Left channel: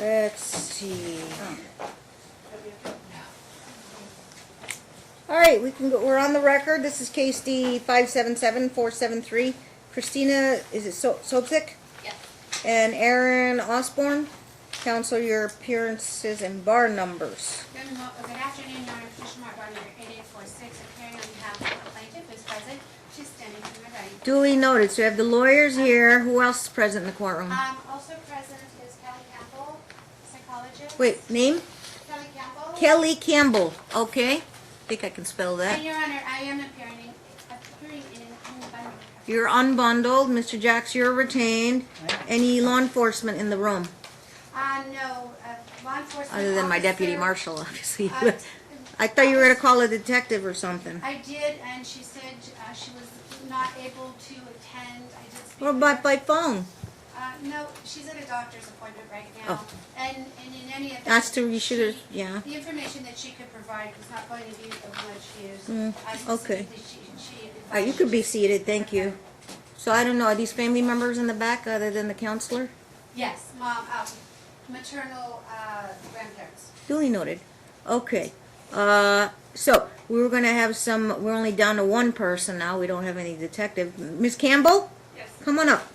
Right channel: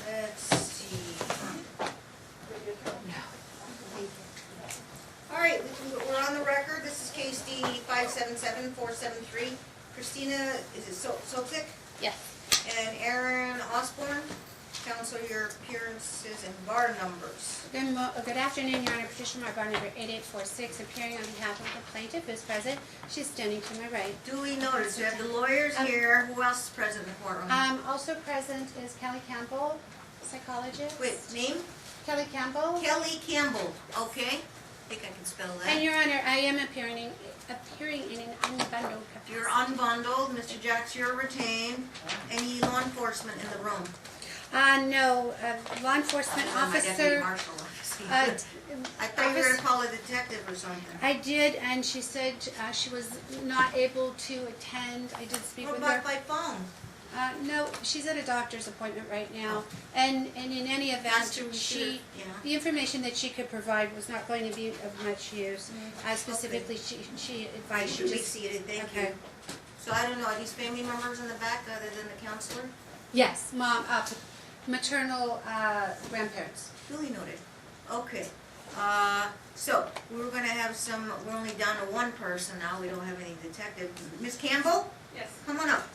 Let's see. All right, we can go. We're on the record. This is case D 577-473. Christina, is it Sobczyk? Yes. And Aaron Osborne. Counsel, your appearances and bar numbers. Good afternoon, Your Honor. Petition mark bar number 8846, appearing on behalf of the plaintiff, who's present. She's standing to my right. Duly noted. So we have the lawyers here. Who else is present in the courtroom? Also present is Kelly Campbell, psychologist. Wait, name? Kelly Campbell. Kelly Campbell. Okay. I think I can spell that. And Your Honor, I am appearing in an unbundled capacity. You're unbundled. Mr. Jacks, you're retained. Any law enforcement in the room? No, law enforcement Other than my officer, deputy marshal, obviously. I thought you were going to call a detective or something. I did, and she said she was not able to attend. I did speak Or with by her. phone. No, she's at a doctor's appointment right now, Oh. and in any event, Asked her, you should have, yeah. the information that she could provide was not going to be of much use. Okay. Specifically, she You advised could be just- seated, thank you. Okay. So I don't know, are these family members in the back other than the counselor? Yes, mom, maternal grandparents. Duly noted. Okay. So we were going to have some, we're only down to one person now. We don't have any detective. Ms. Campbell? Yes. Come on up.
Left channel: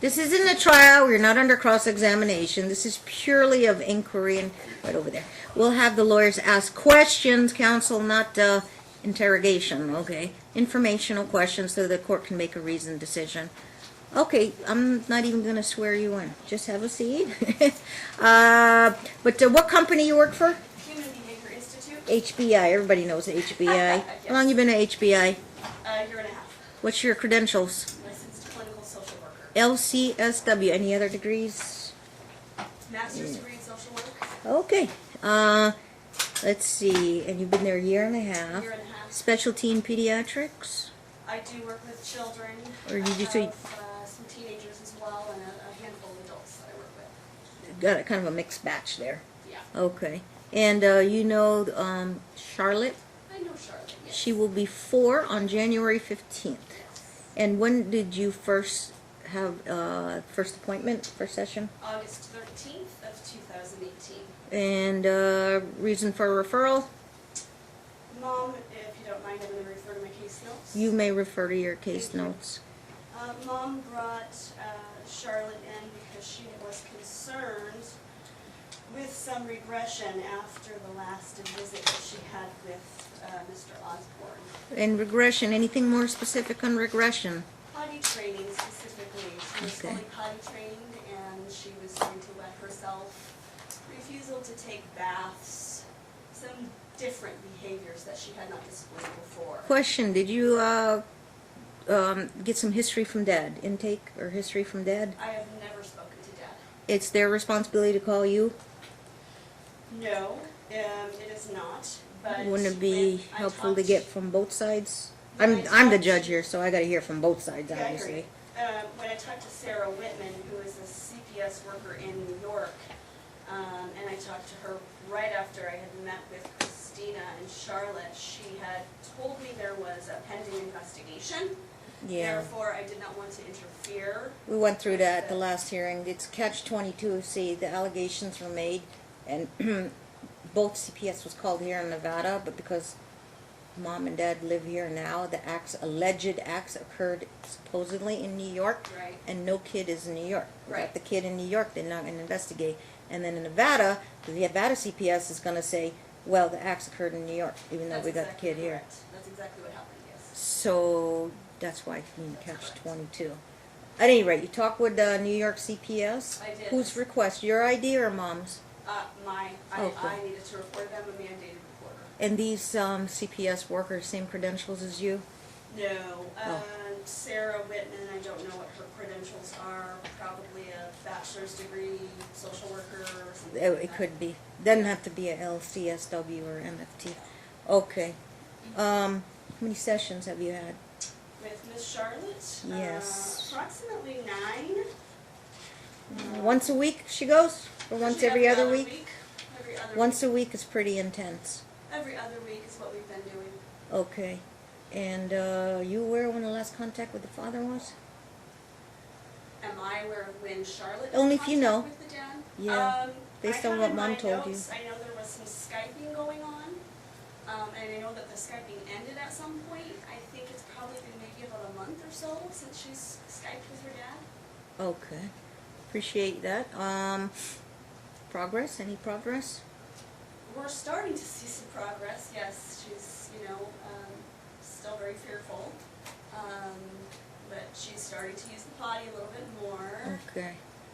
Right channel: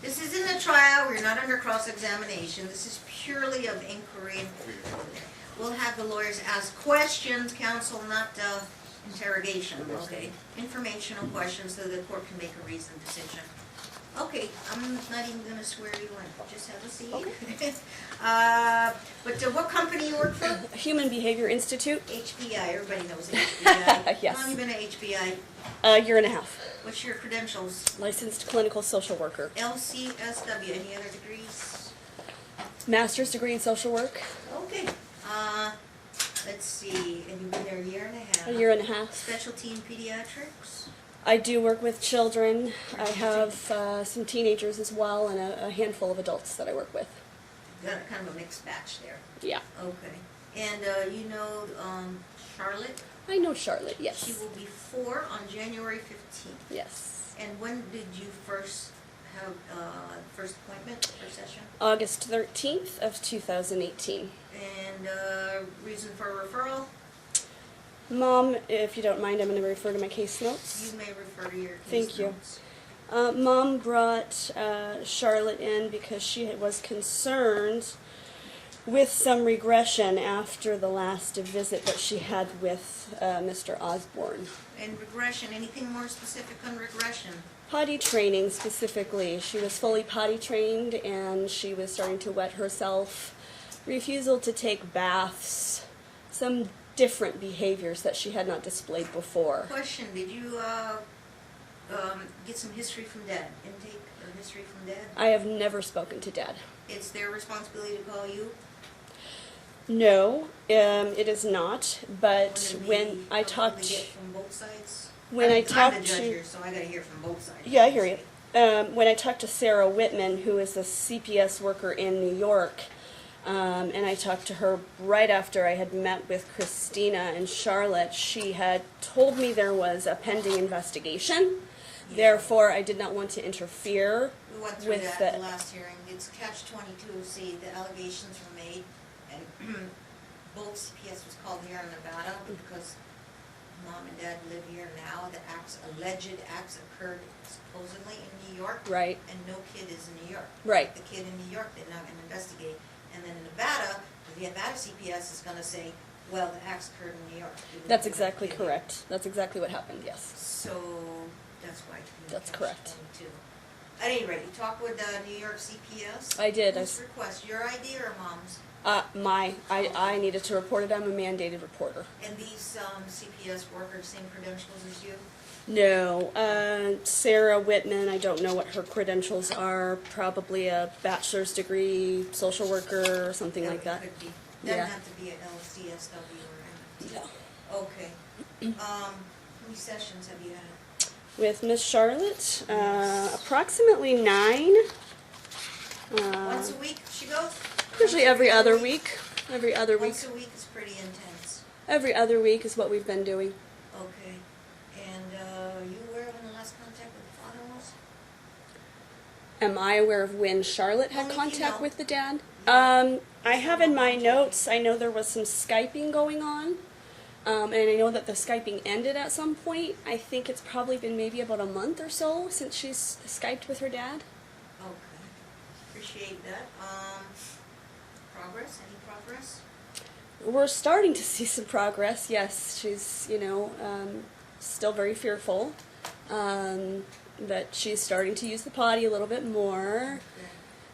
This isn't a trial. We're not under cross-examination. This is purely of inquiry and right over there. We'll have the lawyers ask questions, counsel, not interrogation, okay? Informational questions so the court can make a reasoned decision. Okay, I'm not even going to swear you in. Just have a seat. But what company you work for? Human Behavior Institute. HBI. Everybody knows HBI. Yes. How long you been at HBI? A year and a half. What's your credentials? Licensed clinical social worker. LCSW. Any other degrees? Master's degree in social work. Okay. Let's see. And you've been there a year and a half. A year and a half. Specialty in pediatrics? I do work with children. Or I did you have some teenagers as well, and a handful of adults that I work with. Got a kind of a mixed batch there. Yeah. Okay. And you know Charlotte? I know Charlotte, yes. She will be 4 on January 15th. Yes. And when did you first have first appointment, first session? August 13th of 2018. And reason for referral? Mom, if you don't mind, I'm going to refer to my case notes. You may refer to your case Thank you. notes. Mom brought Charlotte in because she was concerned with some regression after the last visit that she had with Mr. Osborne. And regression, anything more specific on regression? Potty training specifically. She was fully potty trained and she was starting to wet herself. Refusal to take baths. Some different behaviors that she had not displayed before. Question, did you get some history from Dad? Intake or history from Dad? I have never spoken to Dad. It's their responsibility to call you? No, it is not, but Wouldn't it be when I helpful talked to get from both sides? when I I'm the talked judge to- here, so I got to hear from both sides. Yeah, I hear obviously. you. When I talked to Sarah Whitman, who is a CPS worker in New York, and I talked to her right after I had met with Christina and Charlotte, she had told me there was a pending investigation. Yeah. Therefore, I did not want to interfere. We went through with that at the- the last hearing. It's catch-22. See, the allegations were made, and both CPS was called here in Nevada, but because Mom and Dad live here now, the alleged acts occurred supposedly in New York, Right. and no kid is in New York. Right. The kid in New York, they're not going to investigate. And then in Nevada, the Nevada CPS is going to say, well, the acts occurred in New York, even That's though we got the exactly kid here. correct. That's exactly what happened, yes. So that's why you can That's catch correct. 22. At any rate, you talked with the New York CPS. I did. Whose request? Your ID or Mom's? I needed to report it. I'm a mandated reporter. And these CPS workers, same credentials as you? No, Sarah Whitman, I don't know what her credentials are, probably a bachelor's degree, social worker, or something like It that. could be. Doesn't Yeah. have to be a LCSW or MFT. Yeah. Okay. How many sessions have you had? With Miss Charlotte, Yes. approximately 9. Once a week she goes? Or once Usually every other week. Every other Once week. a week is pretty intense. Every other week is what we've been doing. Okay. And you were when the last contact with the father was? Am I aware of when Charlotte had Only if contact you know. with the dad? Yeah, I based have on in what my Mom told notes, I know there was some Skyping going on. And I know that the Skyping ended at some point. I think it's probably been maybe about a month or so since she's Skyped with her dad. Okay. Appreciate that. Progress? Any progress? We're starting to see some progress, yes. She's, still very fearful. That she's starting to use the potty a little bit more. Okay.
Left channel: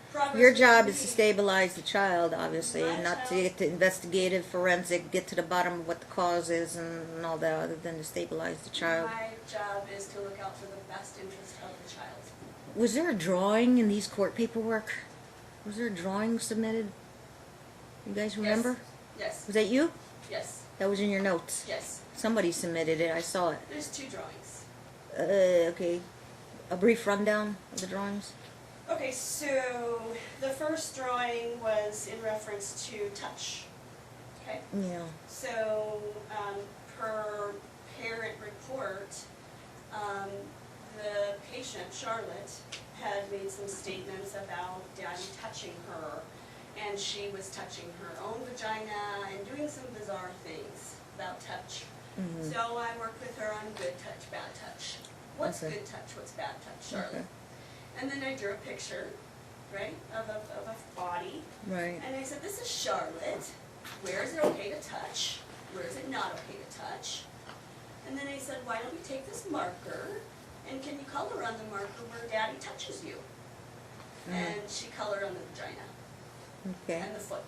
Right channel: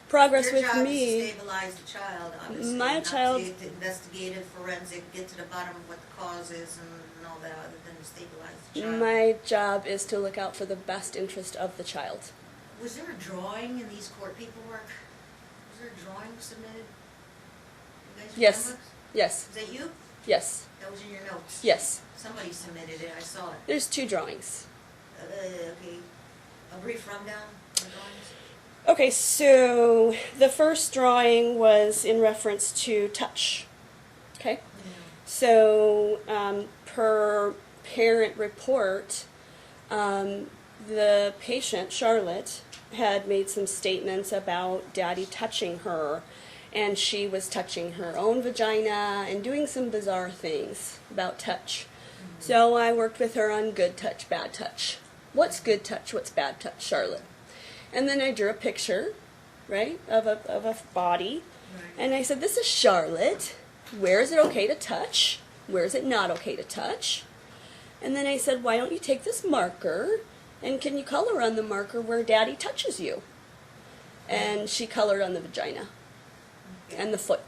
Progress Your with job me. is to stabilize the child, obviously, My not child- to get to investigative, forensic, get to the bottom of what the cause is and all that, other than to stabilize the child. My job is to look out for the best interest of the child. Was there a drawing in these court paperwork? Was there a drawing submitted? You guys remember? Yes. Was that you? Yes. That was in your notes? Yes. Somebody submitted it, I saw it. There's 2 drawings. Okay. A brief rundown of the drawings? Okay, so the first drawing was in reference to touch. Okay? Yeah. So, per parent report, the patient, Charlotte, had made some statements about daddy touching her, and she was touching her own vagina and doing some bizarre things about touch. Mhm. So I worked with her on good touch, bad touch. What's Okay. good touch, what's bad touch, Charlotte? Okay. And then I drew a picture, right, of a body. Right. And I said, this is Charlotte. Where is it okay to touch? Where is it not okay to touch? And then I said, why don't you take this marker and can you color on the marker where daddy touches you? And she colored on the vagina Okay. and the foot.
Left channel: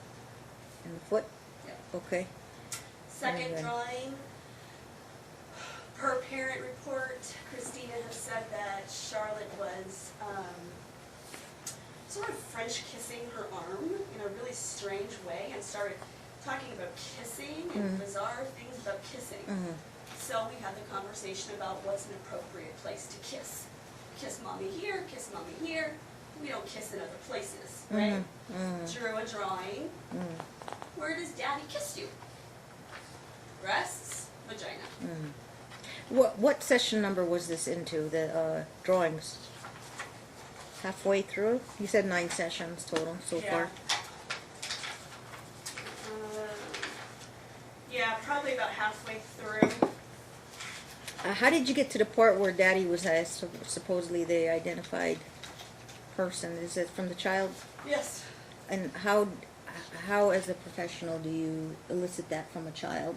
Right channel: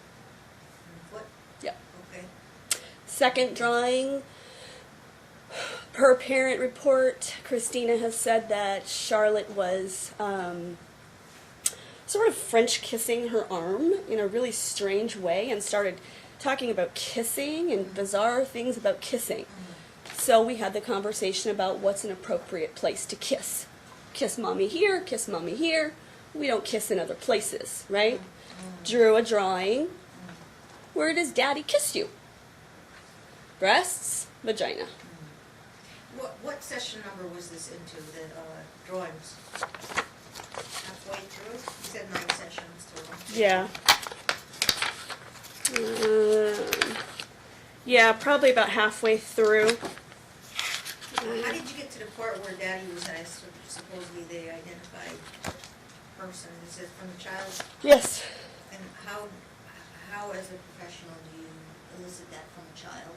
And the foot? Yeah. Okay. Second Okay. drawing, per parent report, Christina has said that Charlotte was sort of French kissing her arm in a really strange way and started talking about kissing and bizarre things about kissing. So we had the conversation about what's an appropriate place to kiss. Kiss mommy here, kiss mommy here. We don't kiss in other places, right? Drew a drawing. Where does daddy kiss you? Breasts, vagina. What session number was this into, the drawings? Halfway through? You said 9 sessions total so Yeah. far. Yeah, probably about halfway through. How did you get to the part where daddy was supposedly the identified person? Is it from the child? Yes. And how as a professional do you elicit that from a child?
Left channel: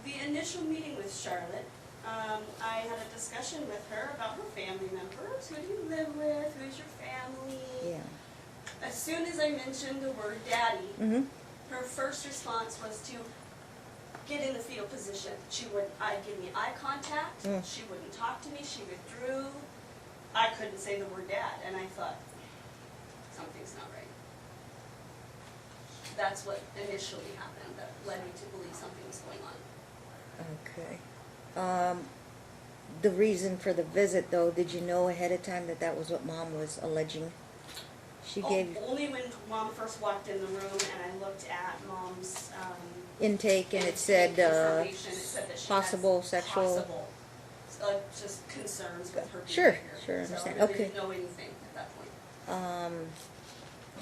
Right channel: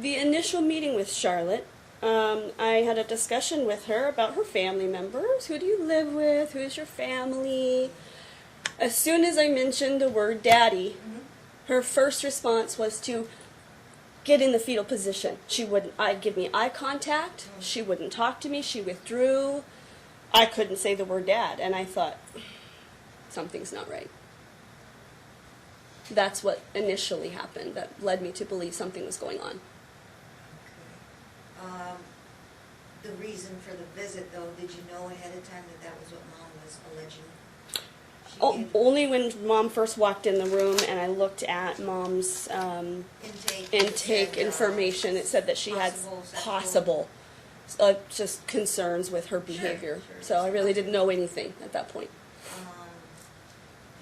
The initial meeting with Charlotte, I had a discussion with her about her family members. Who do you live with? Who's your family? Yeah. As soon as I mentioned the word daddy, Mm-hmm. her first response was to get in the fetal position. She wouldn't give me eye contact. She wouldn't talk to me. She withdrew. I couldn't say the word dad, and I thought, something's not right. That's what initially happened that led me to believe something was going on. Okay. The reason for the visit, though, did you know ahead of time that was what Mom was alleging? She gave Only when Mom first walked in the room and I looked at Mom's intake, and it intake said, information, it said that she possible had sexual- possible just concerns with her Sure, behavior. sure, So I understand. really Okay. didn't know anything at that point.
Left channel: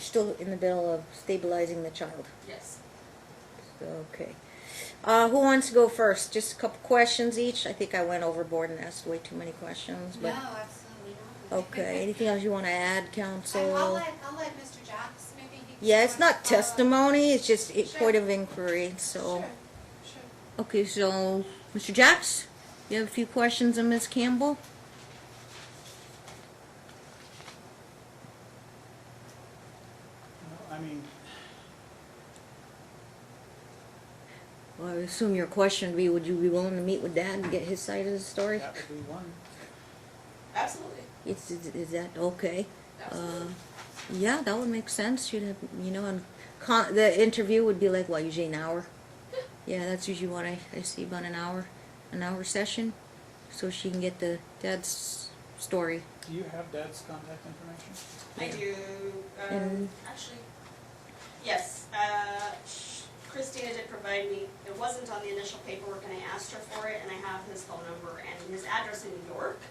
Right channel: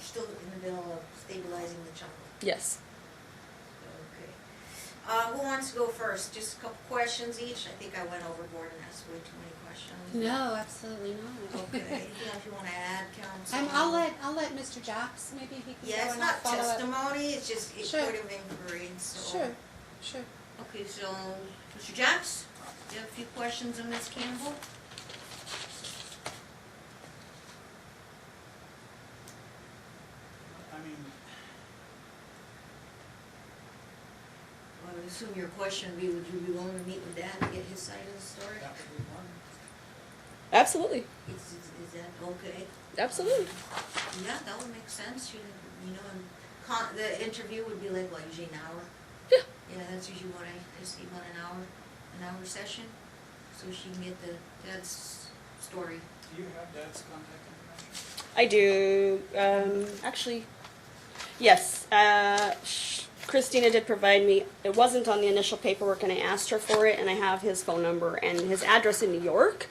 still in the middle of stabilizing the child. Yes. Okay. Who wants to go first? Just a couple questions each. I think I went overboard and asked way too many questions. but- No, absolutely not. Okay. Anything else you want to add, counsel? And I'll let Mr. Jacks, maybe he can. Yeah, it's go and not follow up. testimony. It's just a Sure. point of inquiry. So. Sure. Okay, so Mr. Jacks, you have a few questions on Ms. Campbell? I mean, Well, I assume your question would be, would you be willing to meet with Dad and get his side of the story? that would be one. Absolutely. Is that okay? Absolutely. Yeah, that would make sense. You'd have, and the interview would be like, what, usually an hour? Yeah. Yeah, that's usually what I see, about an hour session, so she can get the Dad's story. Do you have Dad's contact information? I do. Actually, yes. Christina did provide me. It wasn't on the initial paperwork, and I asked her for it, and I have his phone number and his address in New York.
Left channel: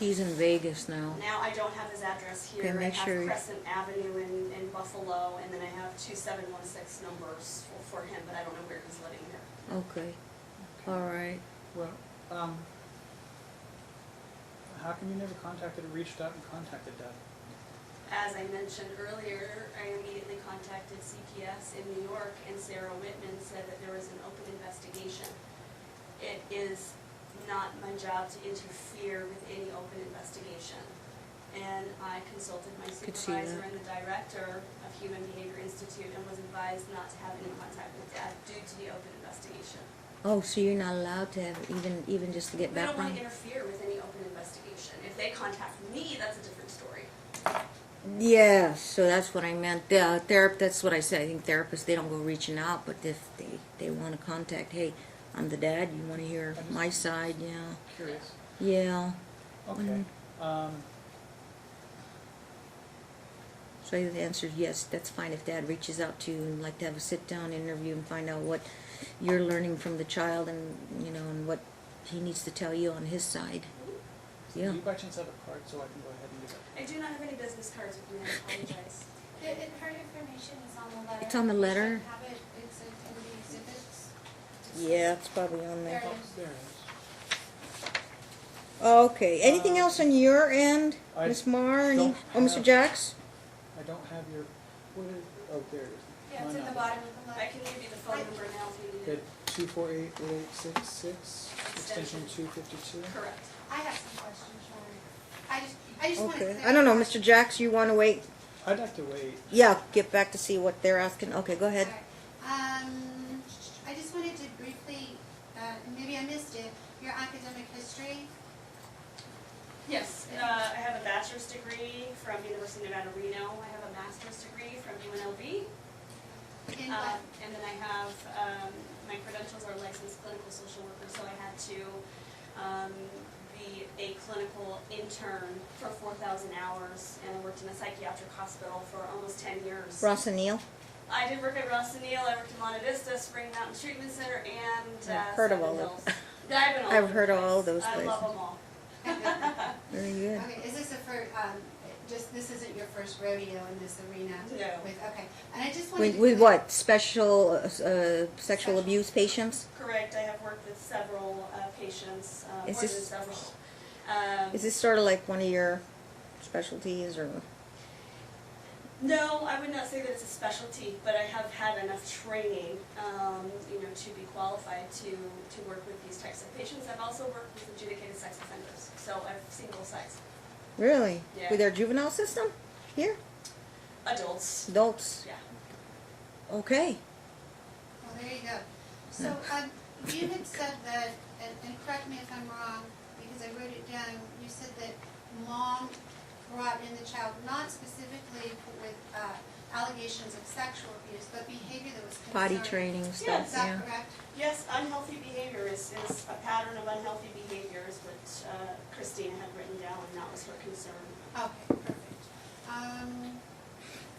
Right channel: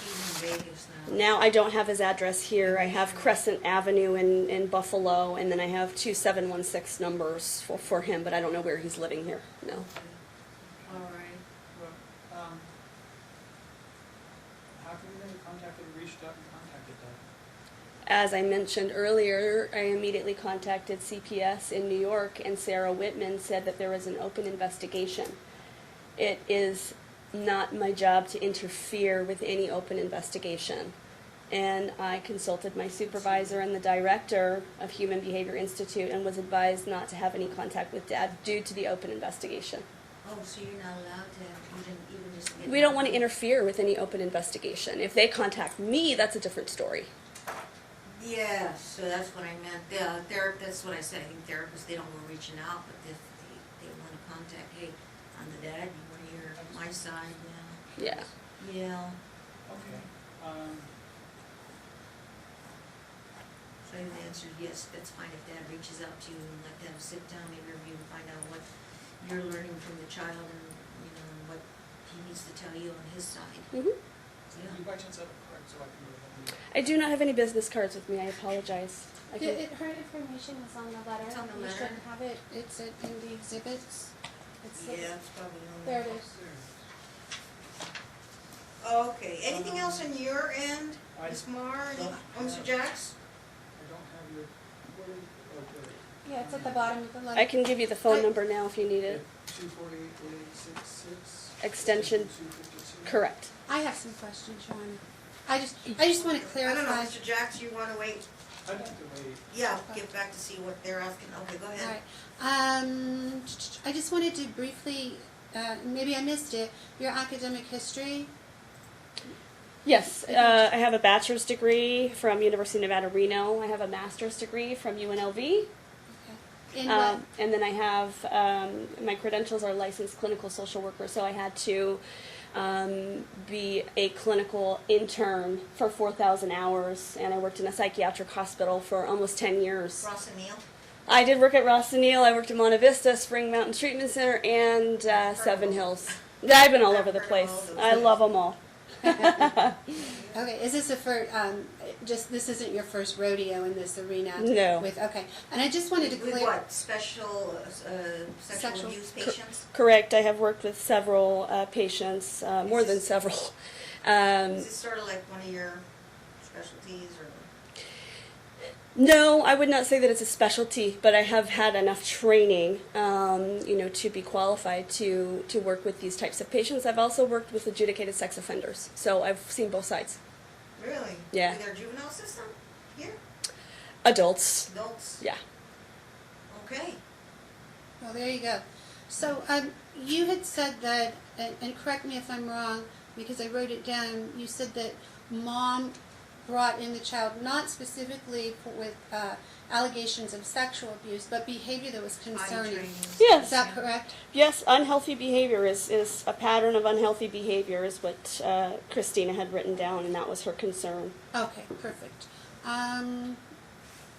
He's in Vegas now. Now I don't have his address here. Okay, I make have sure- Crescent Avenue in Buffalo, and then I have 2716 numbers for him, but I don't know where he's living here. No. Okay. All right. Well, how come you never reached out and contacted Dad? As I mentioned earlier, I immediately contacted CPS in New York, and Sarah Whitman said that there was an open investigation. It is not my job to interfere with any open investigation. And I consulted my supervisor and the director of Human Behavior Institute and was advised not to have any contact with Dad due to the open investigation. Oh, so you're not allowed to have even just to get. We don't want to background? interfere with any open investigation. If they contact me, that's a different story. Yeah, so that's what I meant. That's what I said. I think therapists, they don't go reaching out, but if they want to contact, hey, I'm the dad. You want to hear my side? Yeah. Yeah. Yeah. Okay. So the answer is yes. That's fine if Dad reaches out to you and like to have a sit-down interview and find out what you're learning from the child and and what he needs to tell you on his side. Mhm. Do Yeah. you by chance have a card so I can go ahead and do I do not have any business cards with me. I apologize. I The- can't- Her information is on the letter. It's on the You should letter? have it, it's in the exhibits. Yeah, it's probably on There there. it is. There it Okay. Anything else on your end, I Miss Marr? Any? don't Oh, Mr. have- Jacks? I don't have your, oh, there it is. Yeah, it's at the bottom of the letter. I can give you the phone number now if you need it. 248-8866. Extension. 252. Correct. I have some questions, Sean. I just want to Okay. clarify. I don't know, Mr. Jacks. You want to wait? I'd have to wait. Yeah. Get back to see what they're asking. Okay. Go ahead. All right. I just wanted to briefly, maybe I missed it, your academic history. Yes, I have a bachelor's degree from University of Nevada, Reno. I have a master's degree from UNLV. In what? And then I have, my credentials are licensed clinical social worker, so I had to be a clinical intern for 4,000 hours, and I worked in a psychiatric hospital for almost 10 years. Ross and Neil. I did work at Ross and Neil. I worked at Monte Vista, Spring Mountain Treatment Center, and I've heard of Seven all Hills. I've been all I've over the heard of place. all those I guys. love them all. Okay, is this the first, this isn't your first rodeo in this arena? No. Okay, and I just wanted to With clear. what? Special sexual Sexual- abuse patients? Correct. I have worked with several patients, more than this- several. Is this sort of like one of your specialties, or? No, I would not say that it's a specialty, but I have had enough training, to be qualified to work with these types of patients. I've also worked with adjudicated sex offenders, so I've seen both sides. Really? Yeah. With our juvenile system? Here? Adults. Adults? Yeah. Okay. Oh, there you go. So, you had said that, and correct me if I'm wrong, because I wrote it down, you said that mom brought in the child, not specifically with allegations of sexual abuse, but behavior that was concerning. Potty training. and Yes. Is stuff, that yeah. correct? Yes, unhealthy behavior is a pattern of unhealthy behavior is what Christina had written down, and that was her concern. Okay, perfect.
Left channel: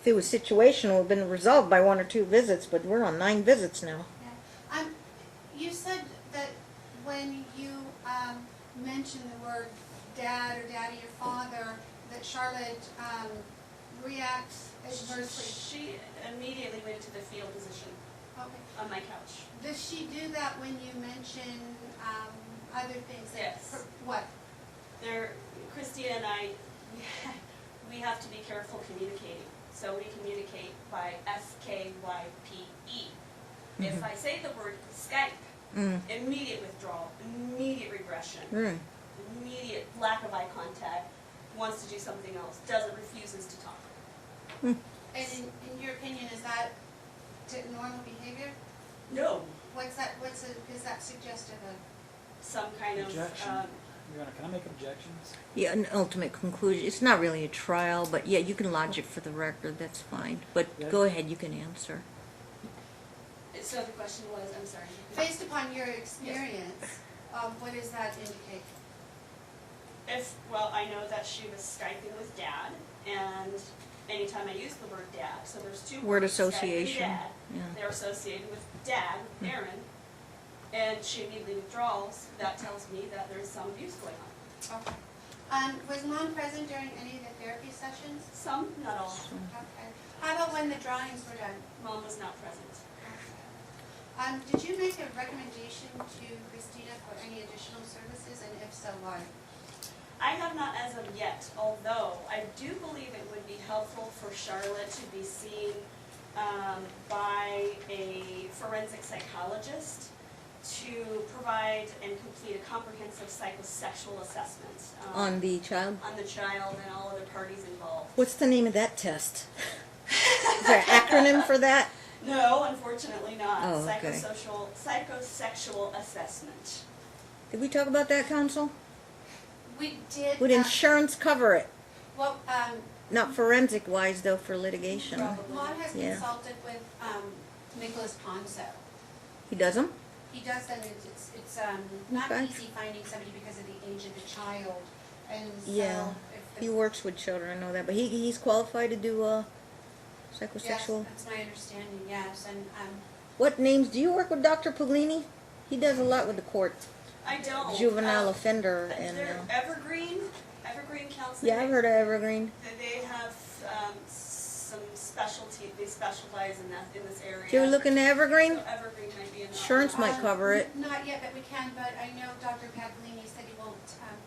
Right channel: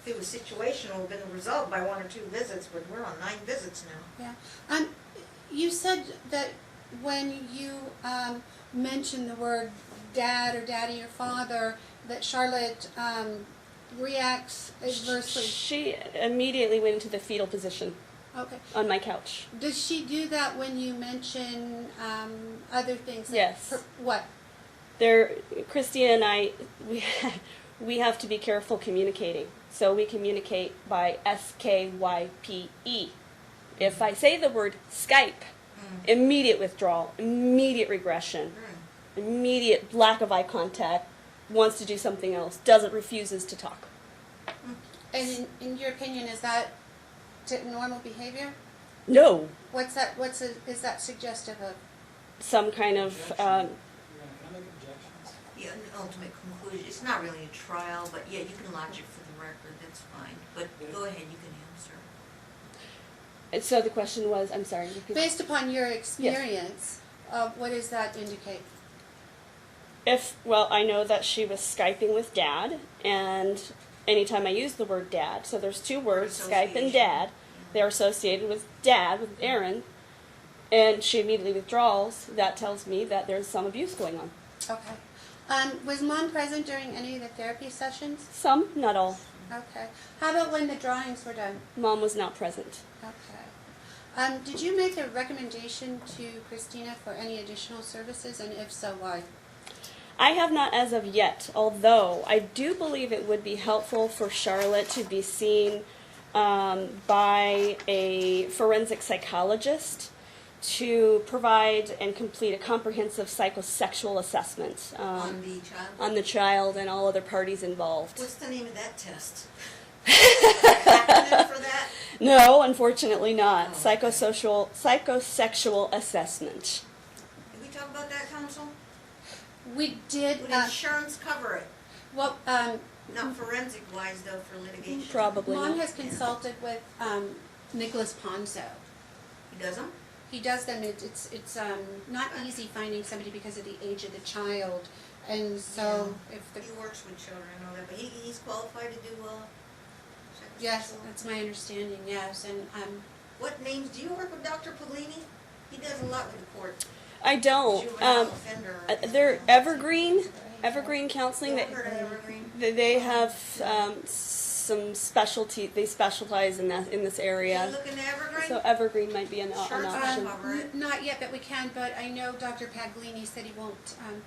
If it was situational, it would have been resolved by 1 or 2 visits, but we're on 9 visits now. Yeah. You said that when you mentioned the word dad or daddy or father, that Charlotte reacts adversely. She immediately went into the fetal position Okay. on my couch. Does she do that when you mention other things? Yes. What? Christina and I, we have to be careful communicating. So we communicate by SKYPE. If I say the word Skype, immediate withdrawal, immediate regression, immediate lack of eye contact, wants to do something else, refuses to talk. And in your opinion, is that normal behavior? No. Is that suggestive of? Some kind of, Objection? Can I make objections? Yeah, an ultimate conclusion. It's not really a trial, but yeah, you can lodge it for the record. That's fine. But Yeah. go ahead, you can answer. so the question was, I'm sorry. you could- Based upon your experience, what does that indicate? I know that she was Skyping with Dad, and anytime I use the word Dad, so there's 2 Word words, Skype and association. Dad, Yeah. they're associated with Dad, with Aaron, and she immediately withdraws. That tells me that there's some abuse going on. Okay. Was Mom present during any of the therapy sessions? Some, not all. Okay. How about when the drawings were done? Mom was not present. Okay. Did you make a recommendation to Christina for any additional services, and if so, why? I have not as of yet, although I do believe it would be helpful for Charlotte to be seen by a forensic psychologist to provide and complete a comprehensive psychosexual assessment On the child? on the child and all other parties involved. What's the name of that test? Is there an acronym for that? No, unfortunately not. Oh, okay. Psychosexual assessment. Did we talk about that, counsel? We did. Would insurance cover it? Well, Not forensic wise though, for litigation. Probably. Mom has Yeah. consulted with Nicholas Ponzo. He does them? He does them. It's not Okay. easy finding somebody because of the age of the child, and so Yeah. if He the works with children, I know that, but he's qualified to do yes, psychosexual. that's my understanding. Yes, and What names do you work with, Dr. Paglini? He does a lot with the court, I don't. juvenile offender. And, They're Evergreen Counseling. yeah, I've heard of Evergreen. They have some specialty. They specialize in this area. You're looking to Evergreen? So Evergreen might be an Insurance an might option. cover it. not yet, but we can. But I know Dr. Paglini said he won't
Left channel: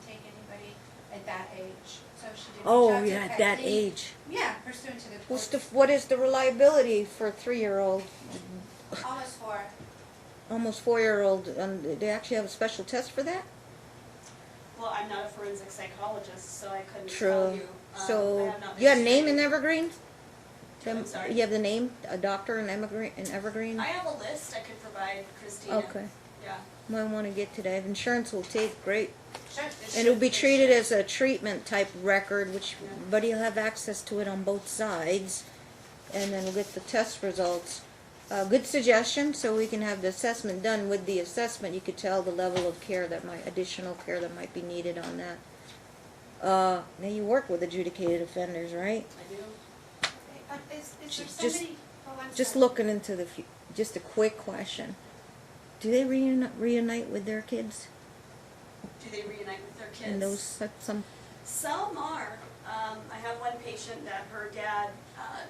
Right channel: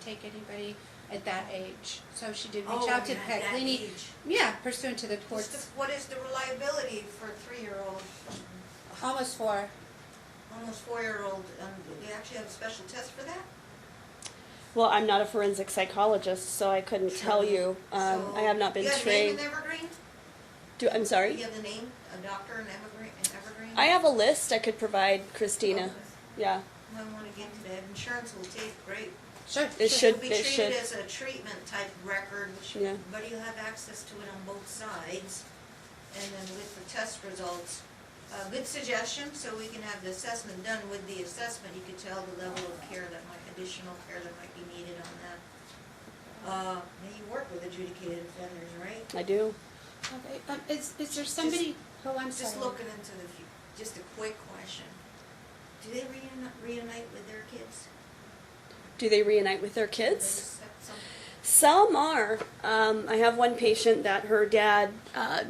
take anybody at that age. So she did reach Oh, out to yeah, at that Paglini. age. Yeah, pursuant to the court's What is the reliability for a 3-year-old, almost 4. almost 4-year-old? They actually have a special test for that? Well, I'm not a forensic psychologist, so I couldn't True. tell you. So I have not been you have a trained. name in Evergreen? I'm sorry. You have the name, a doctor in Evergreen? I have a list I could provide Christina. Okay. Yeah. Might want to get to that. Insurance will take, great. Sure. It It should- will be they treated should. as a treatment type record, which, Yeah. but you'll have access to it on both sides. And then with the test results, good suggestion, so we can have the assessment done. With the assessment, you could tell the level of care additional care that might be needed on that. Now you work with adjudicated offenders, right? I do. Okay. Is there Just- somebody? Oh, I'm Just sorry. looking into just a quick question. Do they reunite with their kids? Do they reunite with their And kids? those, some, Some are. I have one patient that her dad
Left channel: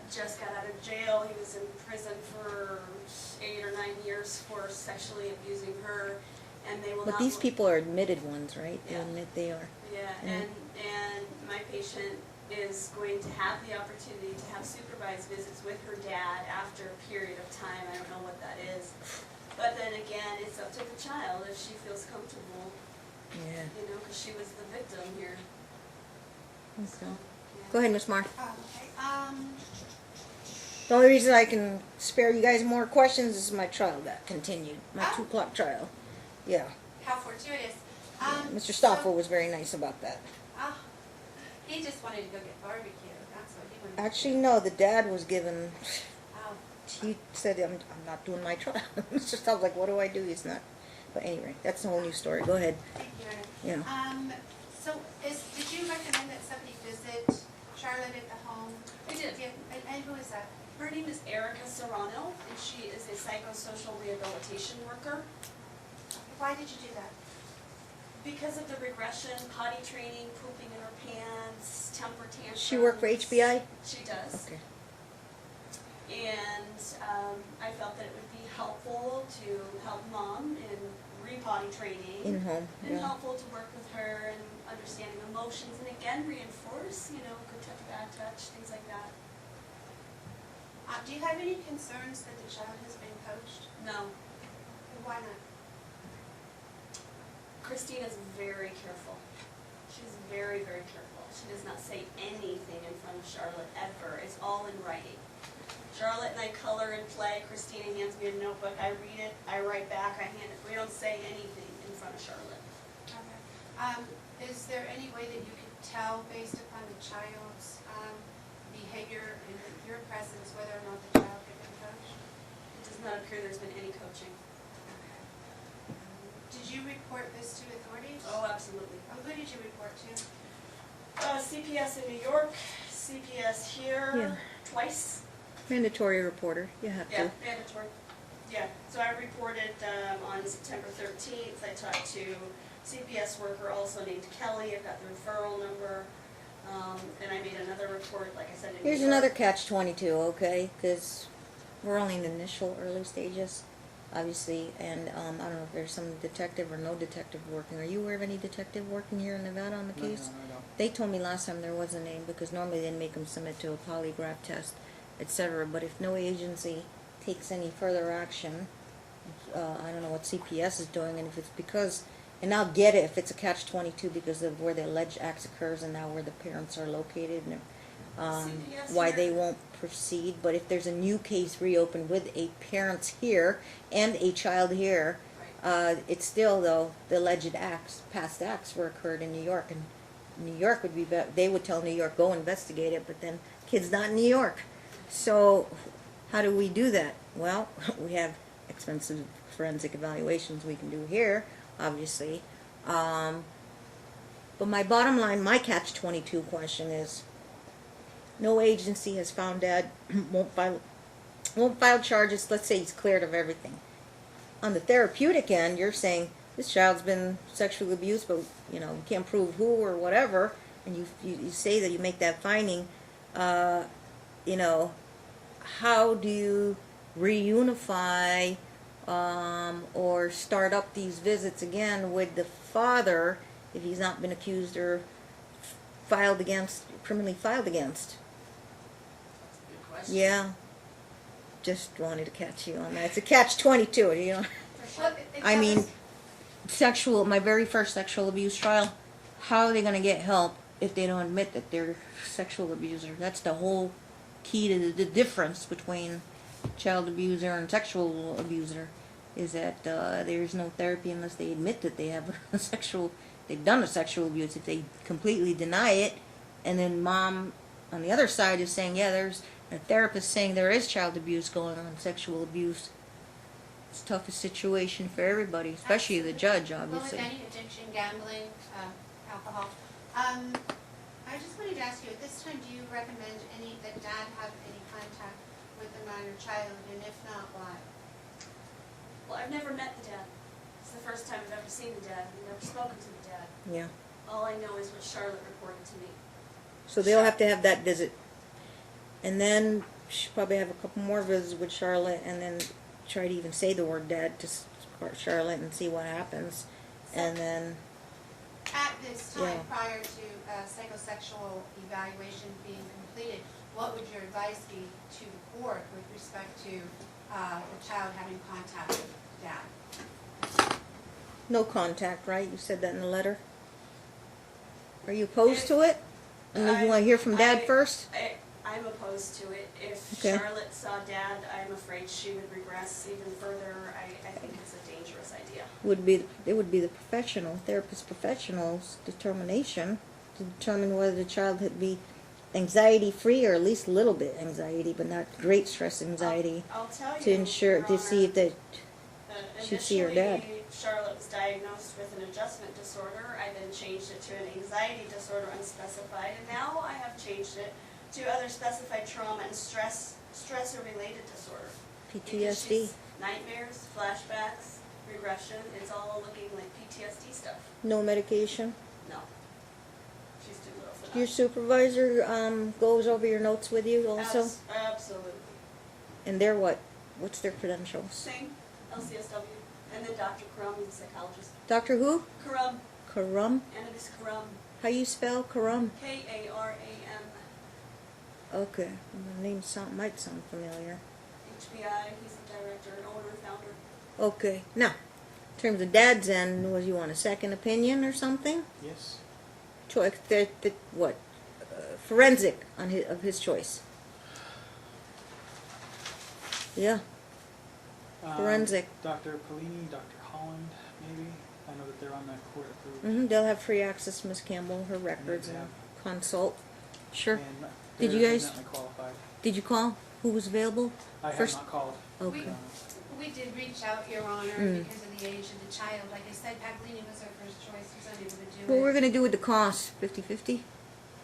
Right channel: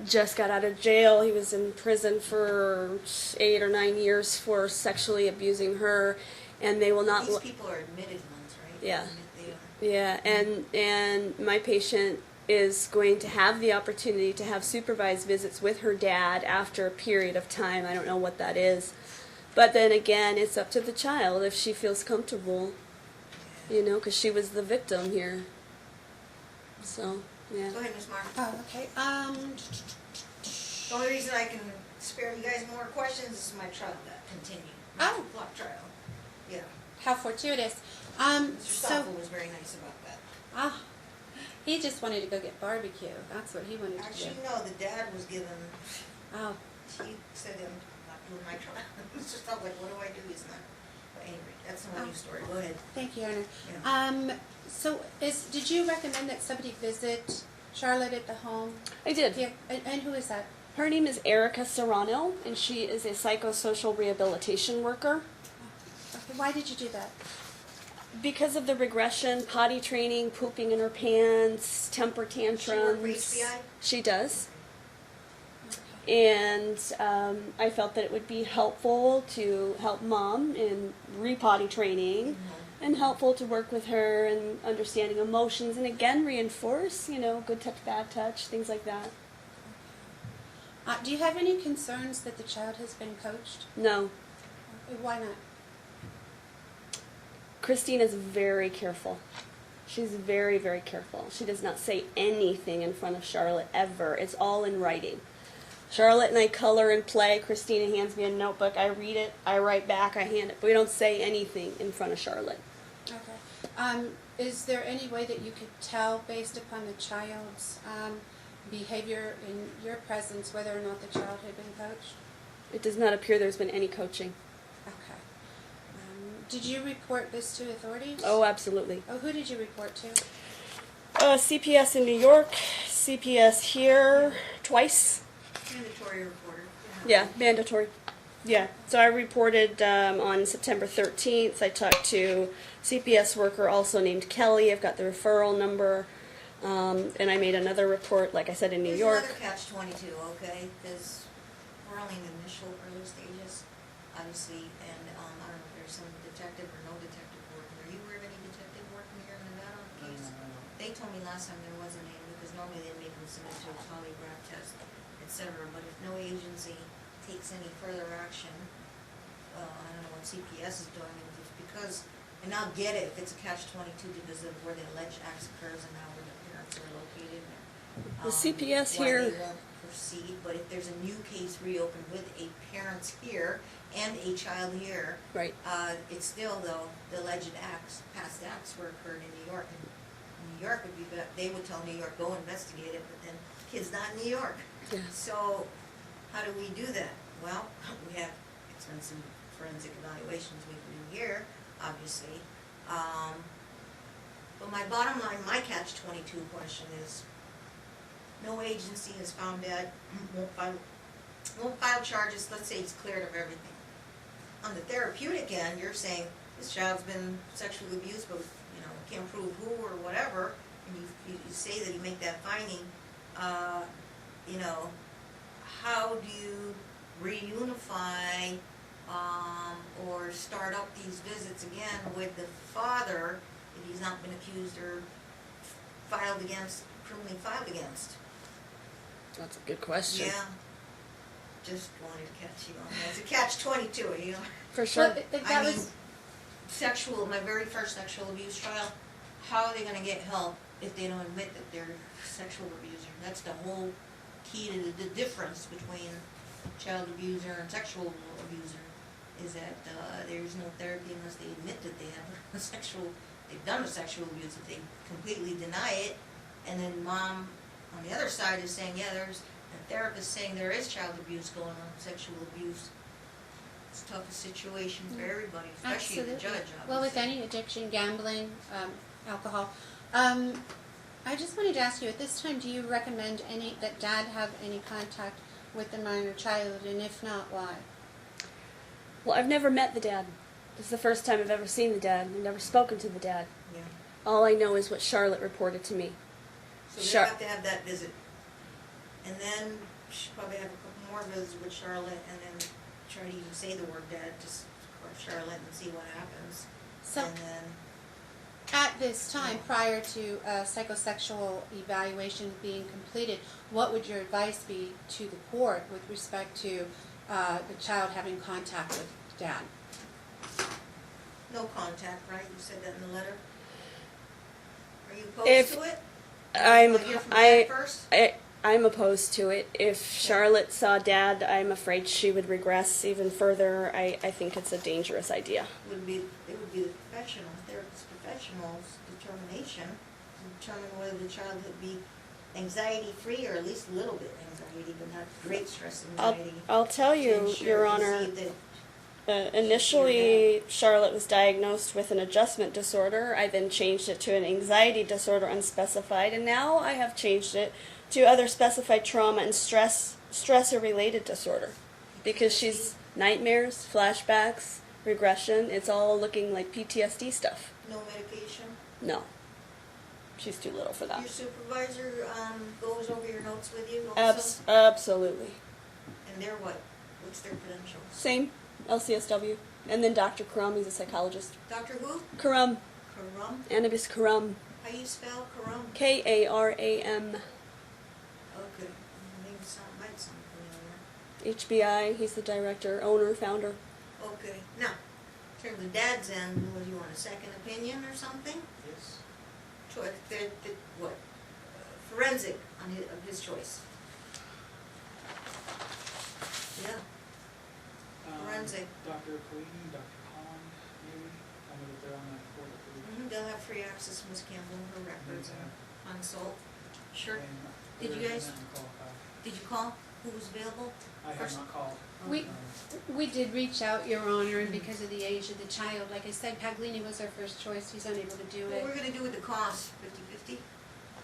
just got out of jail. He was in prison for 8 or 9 years for sexually abusing her, and they will not. these people are admitted ones, right? Yeah. Admit they are. Yeah, and my patient is going to have the opportunity to have supervised visits with her dad after a period of time. I don't know what that is. But then again, it's up to the child if she feels comfortable, Yeah. you know, because she was the victim here. So, yeah. Go ahead, Miss Mar. Oh, okay. The only reason I can spare you guys more questions is my trial got continued. My Oh. 2 o'clock trial. Yeah. How fortuitous. Mr. Stoffel was very nice about that. He just wanted to go get barbecue. That's what he wanted Actually, to do. no, the dad was given, Oh. he said, I'm not doing my trial. Mr. Stoffel, like, what do I do? He's not. But anyway, that's a whole new story. Go ahead. Thank you, Anna. Yeah. So did you recommend that somebody visit Charlotte at the home? I did. Yeah. And who is that? Her name is Erica Serrano, and she is a psychosocial rehabilitation worker. Okay. Why did you do that? Because of the regression, potty training, pooping in her pants, temper tantrums. She work for HBI? She does. Okay. And I felt that it would be helpful to help mom in re-potty training. In home. And yeah. helpful to work with her and understanding emotions, and again reinforce, you know, good touch, bad touch, things like that. Do you have any concerns that the child has been coached? No, Why not? Christine is very careful. She's very, very careful. She does not say anything in front of Charlotte ever. It's all in writing. Charlotte and I color and play. Christina hands me a notebook. I read it. I write back. I hand it. We don't say anything in front of Charlotte. Okay. Is there any way that you could tell, based upon the child's behavior in your presence, whether or not the child had been coached? It does not appear there's been any coaching. Okay. Did you report this to authorities? Oh, absolutely. Oh, who did you report to? CPS in New York, CPS here, Yeah. twice. Mandatory reporter. You have Yeah, to. mandatory. Yeah, so I reported on September 13th. I talked to CPS worker also named Kelly. I've got the referral number. And I made another report, like I said, in New Here's York. another catch-22, okay? Because we're only in the initial early stages, obviously, and I don't know if there's some detective or no detective working. Are you aware of any detective working here in Nevada on the No, case? no. They told me last time there was a name, because normally they make them submit to a polygraph test, etc. But if no agency takes any further action, I don't know what CPS is doing, and if it's because, and I'll get it if it's a catch-22 because of where the alleged acts occurs and now where the parents are located, and The CPS why here- they won't proceed. But if there's a new case reopened with a parents here and a child here, Right. it's still, though, the alleged acts, past acts were occurred in New York, and New York would be, they would tell New York, go investigate it, but then kid's not in New York. Yes. So how do we do that? Well, we have expensive forensic evaluations we can do here, obviously. But my bottom line, my catch-22 question is, no agency has found dad, won't file charges. Let's say he's cleared of everything. On the therapeutic end, you're saying this child's been sexually abused, but we can't prove who or whatever, and you say that you make that finding. How do you reunify or start up these visits again with the father if he's not been accused or criminally filed against? That's a good question. Yeah. Just wanted to catch you on that. It's a catch-22, For sure. Well, I mean, my very first sexual abuse trial, how are they going to get help if they don't admit that they're a sexual abuser? That's the whole key to the difference between child abuser and sexual abuser, is that there's no therapy unless they admit that they have they've done a sexual abuse. If they completely deny it, and then mom on the other side is saying, yeah, there's a therapist saying there is child abuse going on, sexual abuse. It's the toughest situation for everybody, especially the Absolutely. judge, Well, with obviously. any addiction, gambling, alcohol. I just wanted to ask you, at this time, do you recommend that dad have any contact with the minor child, and if not, why? Well, I've never met the dad. This is the first time I've ever seen the dad. I've never spoken to the dad. Yeah. All I know is what Charlotte reported to me. So they'll have to have that visit. And then she'll probably have a couple more visits with Charlotte, and then try to even say the word dad to Charlotte and see what happens. So- And then, At this time, Yeah. prior to psychosexual evaluation being completed, what would your advice be to the court with respect to the child having contact with dad? no contact, right? You said that in the letter? Are you opposed If to it? You want to hear from dad first? I'm opposed to it. If Okay. Charlotte saw dad, I'm afraid she would regress even further. I think it's a dangerous idea. It would be the therapist professional's determination to determine whether the child would be anxiety free, or at least a little bit anxiety, but not great stress anxiety, I'll tell you, to ensure Your to Honor, see if they initially Charlotte was diagnosed with an adjustment disorder. I then changed it to an anxiety disorder unspecified, and now I have changed it to other specified trauma and stressor related disorder. Because PTSD. she's nightmares, flashbacks, regression, it's all looking like PTSD stuff. No medication. No. She's too little for that. Your supervisor goes over your notes with you also, Absolutely. and they're what? What's their credentials? Same, LCSW. And then Dr. Karam, he's a psychologist. Dr. Who? Karam, Karam. Anubis Karam, How you spell Karam? Karam. Okay, the name might sound familiar. HBI, he's the director, owner, founder. Okay, now, in terms of dad's end, was you want a second opinion or something? Yes. What? Forensic of his choice. Yeah. Forensic. Dr. Polini, Dr. Holland, maybe. I know that they're on the court approved. They'll have free access to Miss Campbell, her records, and consult. Sure. And Did you they're guys- eminently qualified. Did you call? Who was available? I First- have not called. Okay. We did reach out, Your Honor, Hmm. because of the age of the child. Like I said, Paglini was our first choice. He's unable to do What we're it. gonna do with the cost? 50-50?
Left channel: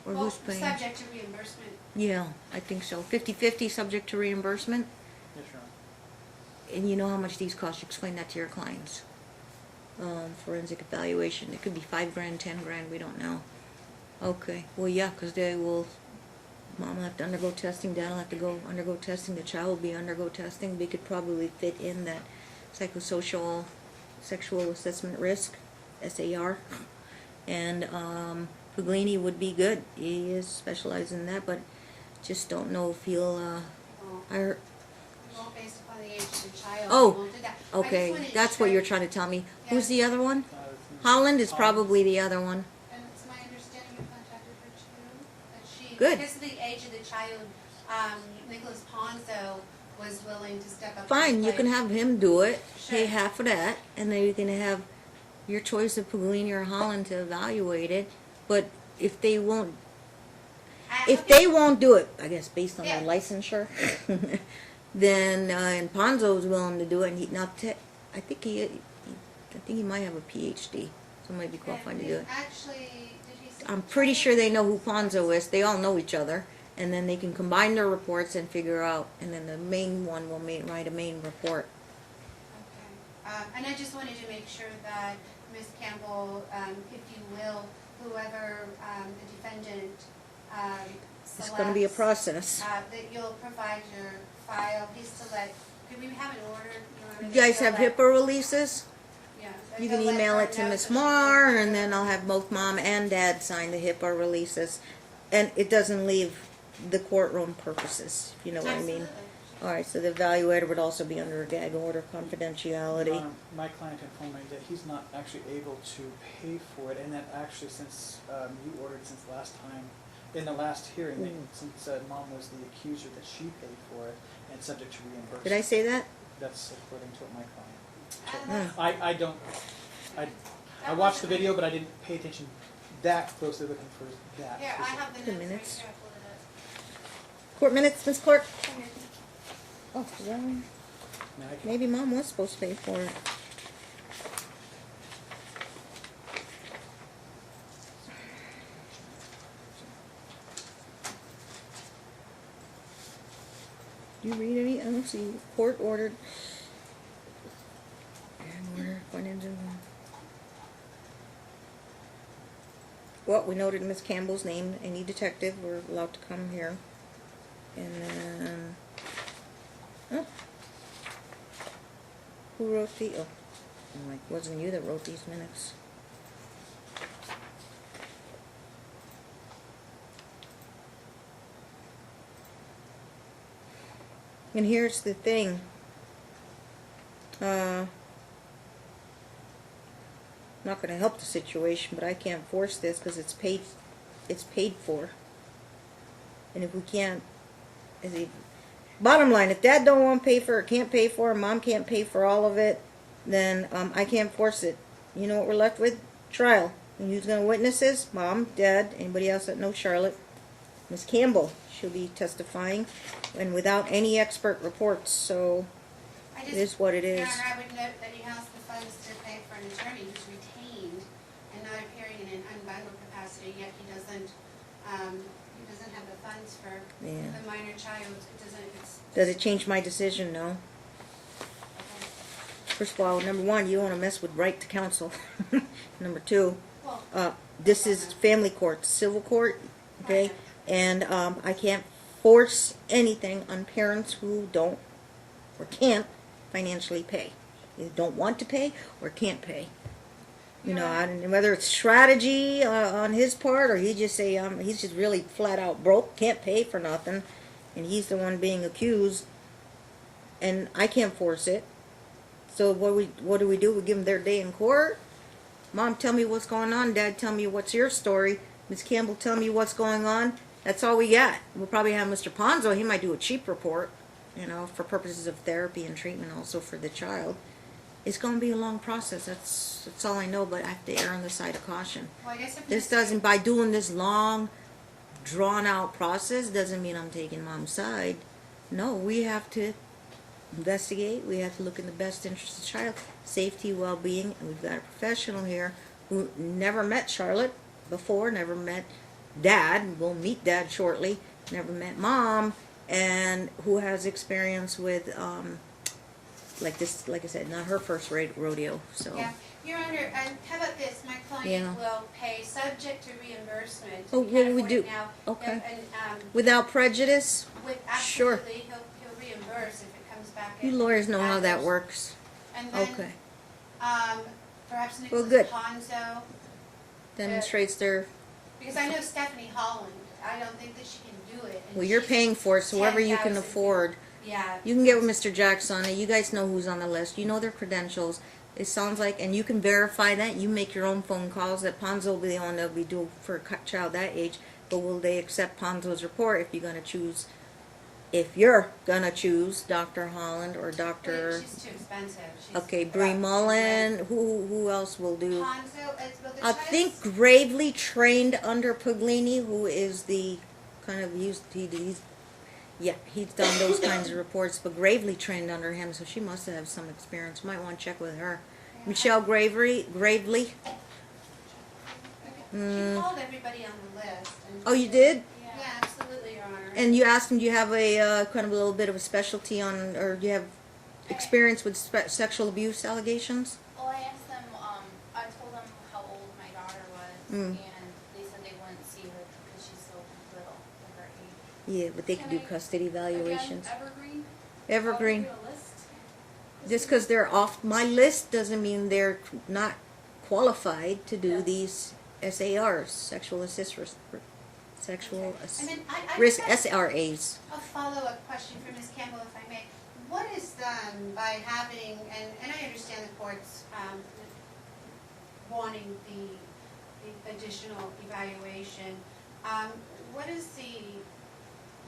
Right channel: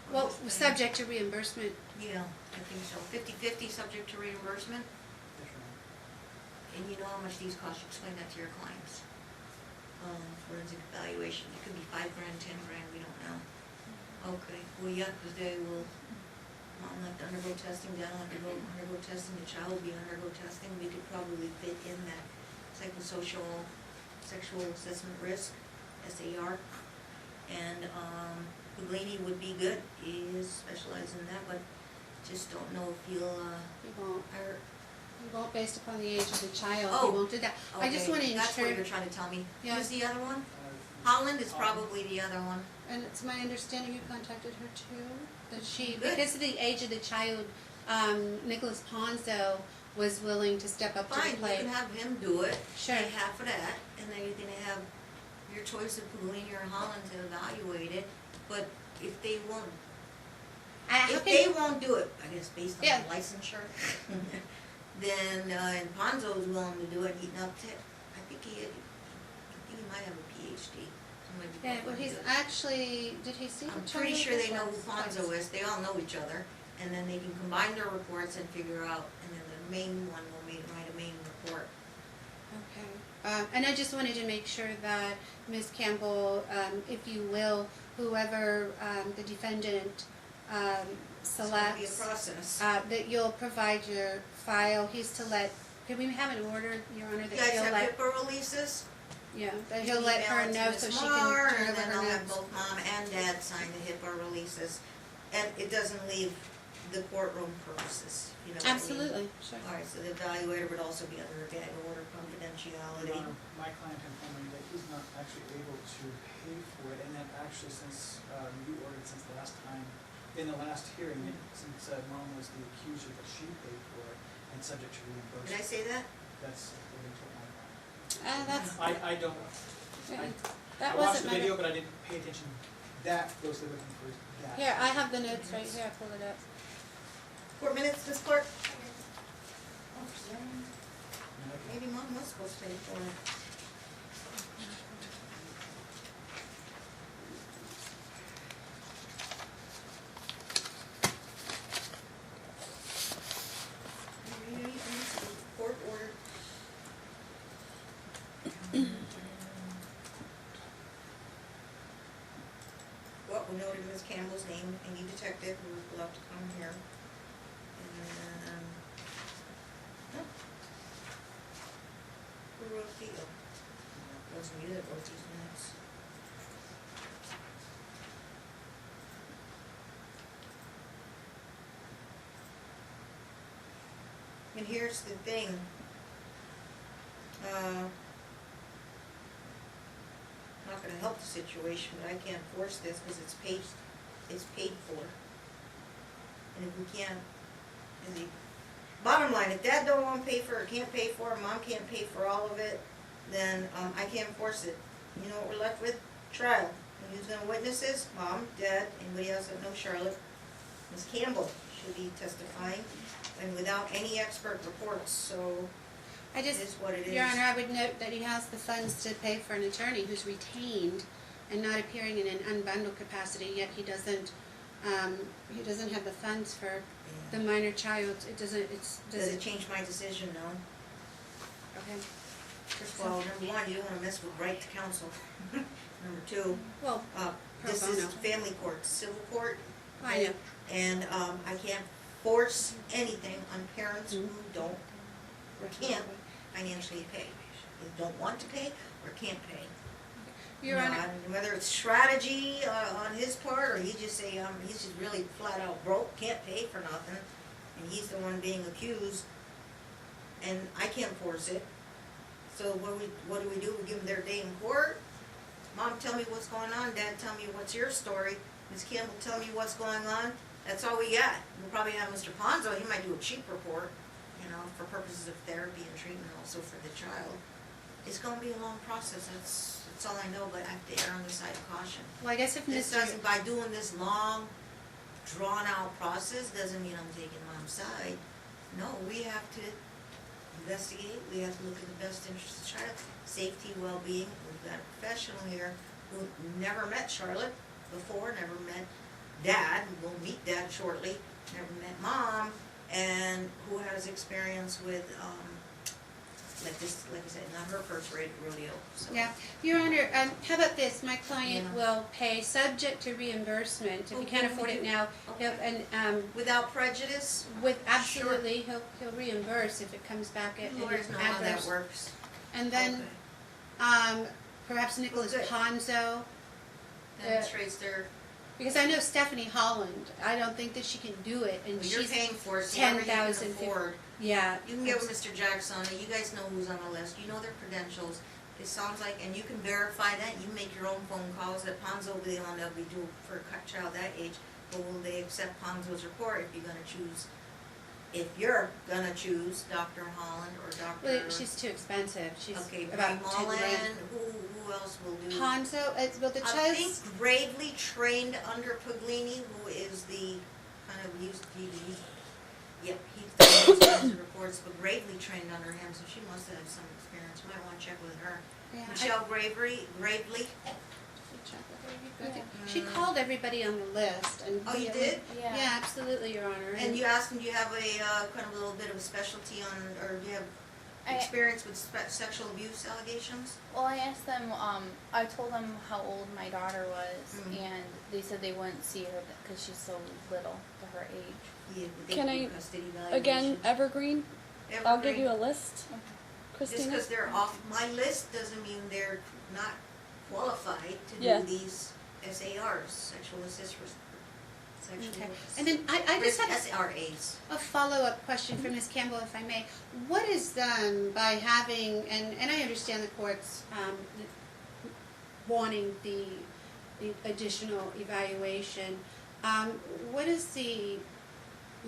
Or Well, who's paying? subject to reimbursement. Yeah, I think so. 50-50, subject to reimbursement. Yes, And you know how much these cost. You explain that to your clients. Forensic evaluation. It could be $5,000, $10,000. We don't know. Okay. Well, yeah, because they will. Mom will have to undergo testing. Dad will have to go undergo testing. The child will be undergo testing. They could probably fit in that psychosocial sexual assessment risk, SAR. And Puglini would be good. He is specialized in that, but just don't know if he'll. Well, based upon the age of the child, Oh, we won't do that. I just okay, wanna that's what ensure- you're trying to tell me. Yeah. Who's the other one? Uh, Holland is probably the other one. And it's my understanding you contacted her too, that she, Good. because of the age of the child, Nicholas Ponzo was willing to step up to the Fine, you plate. can have him do it, pay Sure. half of that, and then you can have your choice of Puglini or Holland to evaluate it. But if they won't, if they won't do it, I guess based on Yeah. their licensure, then and Ponzo's willing to do it, and I think he might have a PhD, so he might be Yeah, qualified to he's do it. actually, did he see I'm the pretty child? sure they know who Ponzo is. They all know each other, and then they can combine their reports and figure out. And then the main one will write a main report. Okay. And I just wanted to make sure that Ms. Campbell, if you will, whoever the defendant It's selects, going to be a process. that you'll provide your file. He's to let. Can we have an order, Your Honor? You that guys you'll have let- HIPAA releases. Yeah. that You you'll can let email her it to know Miss so she can Marr, and deliver then I'll her have notes. both Mom and Dad sign the HIPAA releases, and it doesn't leave the courtroom purposes. You know what I mean? Absolutely. Sure. All right. So the evaluator would also be under a gag order, confidentiality. My client informed me that he's not actually able to pay for it, and that actually since you ordered since last time, in the last hearing, since Mom was the accuser, that she paid for it and subject to reimbursement. Did I say that? That's according to my client. That's, I don't, I that watched the wasn't my- video, but I didn't pay attention that closely looking for that. Here, I have the notes right minutes. here. I pulled it up. Court minutes, Miss Clerk. Come here. Oh, well, Now, I can- maybe Mom was supposed to pay for it. You read any? I don't see. Court ordered. Well, we noted Miss Campbell's name. Any detective were allowed to come here. And then, oh, who wrote the? Oh, it wasn't you that wrote these minutes. And here's the thing. Not going to help the situation, but I can't force this because it's paid. It's paid for. And if we can't, bottom line, if Dad don't want to pay for it, can't pay for it, Mom can't pay for all of it, then I can't force it. You know what we're left with? Trial. And who's going to witness this? Mom, Dad, anybody else that knows Charlotte. Miss Campbell, she'll be testifying, and without any expert reports, so I just, it is what it is. Your Honor, I would note that he has the funds to pay for an attorney who's retained and not appearing in an unbundled capacity, yet he doesn't have the funds for Yeah. the minor child. It doesn't, it's. Does it change my decision? No. Okay. First of all, number one, you don't want to mess with right to counsel. Number two, Well, this Oh, is no. family court, civil court, I okay? know. And I can't force anything on parents who don't or can't financially pay. Either don't want to pay or can't pay. You Your know, Honor. I don't, whether it's strategy on his part or he just say he's just really flat out broke, can't pay for nothing, and he's the one being accused, and I can't force it. So what do? We give them their day in court? Mom, tell me what's going on. Dad, tell me what's your story. Miss Campbell, tell me what's going on. That's all we got. We'll probably have Mr. Ponzo. He might do a cheap report, you know, for purposes of therapy and treatment, also for the child. It's going to be a long process. That's all I know, but I have to err on the side of caution. Well, I guess if This Mr. doesn't, by doing this long, drawn-out process, doesn't mean I'm taking Mom's side. No, we have to investigate. We have to look in the best interest of the child, safety, well-being, and we've got a professional here who never met Charlotte before, never met Dad. We'll meet Dad shortly. Never met Mom, and who has experience with like this, like I said, not her first rodeo, so. Yeah, Your Honor, how about this, my client Yeah. will pay subject to reimbursement, if Oh, he can't what do we afford it do? now. Okay. And, Without prejudice? with, Sure. absolutely, he'll reimburse if it comes back. You in lawyers know how that adverse. works. And then, Okay. Perhaps Nicholas good. Ponzo, Demonstrates their, because I know Stephanie Holland, I don't think that she can do it, and well, you're she's paying for it, so whatever you can 10,000. afford. Yeah. You can get with Mr. Jackson, and you guys know who's on the list. You know their credentials. It sounds like, and you can verify that. You make your own phone calls. That Ponzo will be the one that we do for a child that age. But will they accept Ponzo's report if you're gonna choose Dr. Holland or Dr. She's too expensive. She's Okay, about Bree $2 Mullen. Who else will do? Ponzo, well, the I child's. think Gravely trained under Puglini, who is the kind of he's done those kinds of reports, but Gravely trained under him, so she must have some experience. Might want to check with her. Yeah, Michelle Gravely. She called everybody on the list. And Oh, you did? Yeah, absolutely, Your Honor. And you asked him, do you have a kind of a little bit of a specialty on, or do you have experience with sexual abuse allegations? Well, I asked them, I told them how old my daughter was, and they said they wouldn't see her because she's so little for her age. Yeah, but they Can can do I- custody Again, evaluations. Evergreen. I'll give Evergreen. you a list. Just Christina? because they're off my list doesn't mean they're not qualified to do Yeah. these SARs, sexual assist risk, sexual Okay. ass- And then I risk just have SRAs. a follow-up question for Ms. Campbell, if I may. What is done by having, and I understand the court's wanting the additional evaluation, what is the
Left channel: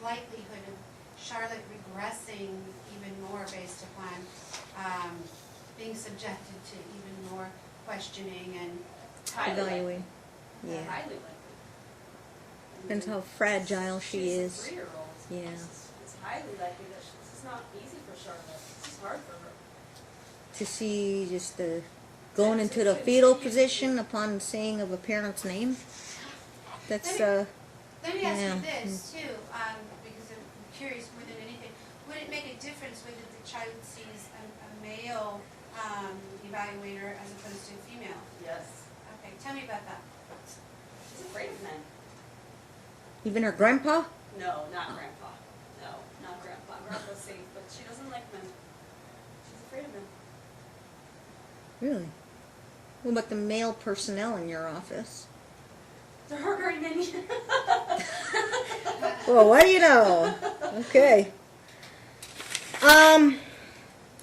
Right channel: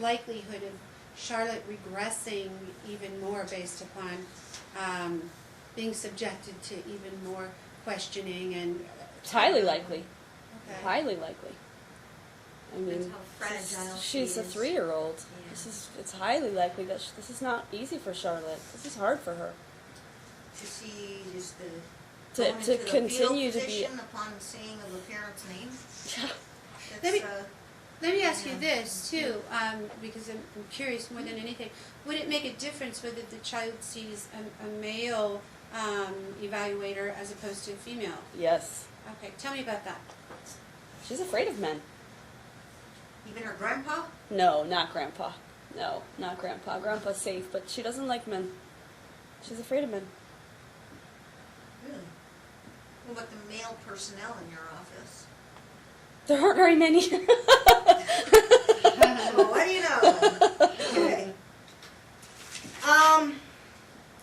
likelihood of Charlotte regressing even more based upon being subjected to even more questioning and It's highly likely. Yeah. Highly likely. I Depends mean, how fragile she she's is. a 3-year-old. Yeah. It's highly likely that this is not easy for Charlotte. This is hard for her. To see just the To- going to into the fetal continue to be- position upon saying of a parent's name. That's Let me ask Yeah. you this too, because I'm curious more than anything. Would it make a difference whether the child sees a male evaluator as opposed to a female? Yes. Okay, tell me about that. She's afraid of men. even her grandpa. No, not Grandpa. No, not Grandpa. Grandpa's safe, but she doesn't like men. She's afraid of men. Really? What about the male personnel in your office? There aren't very many. Well, what do you know? Okay.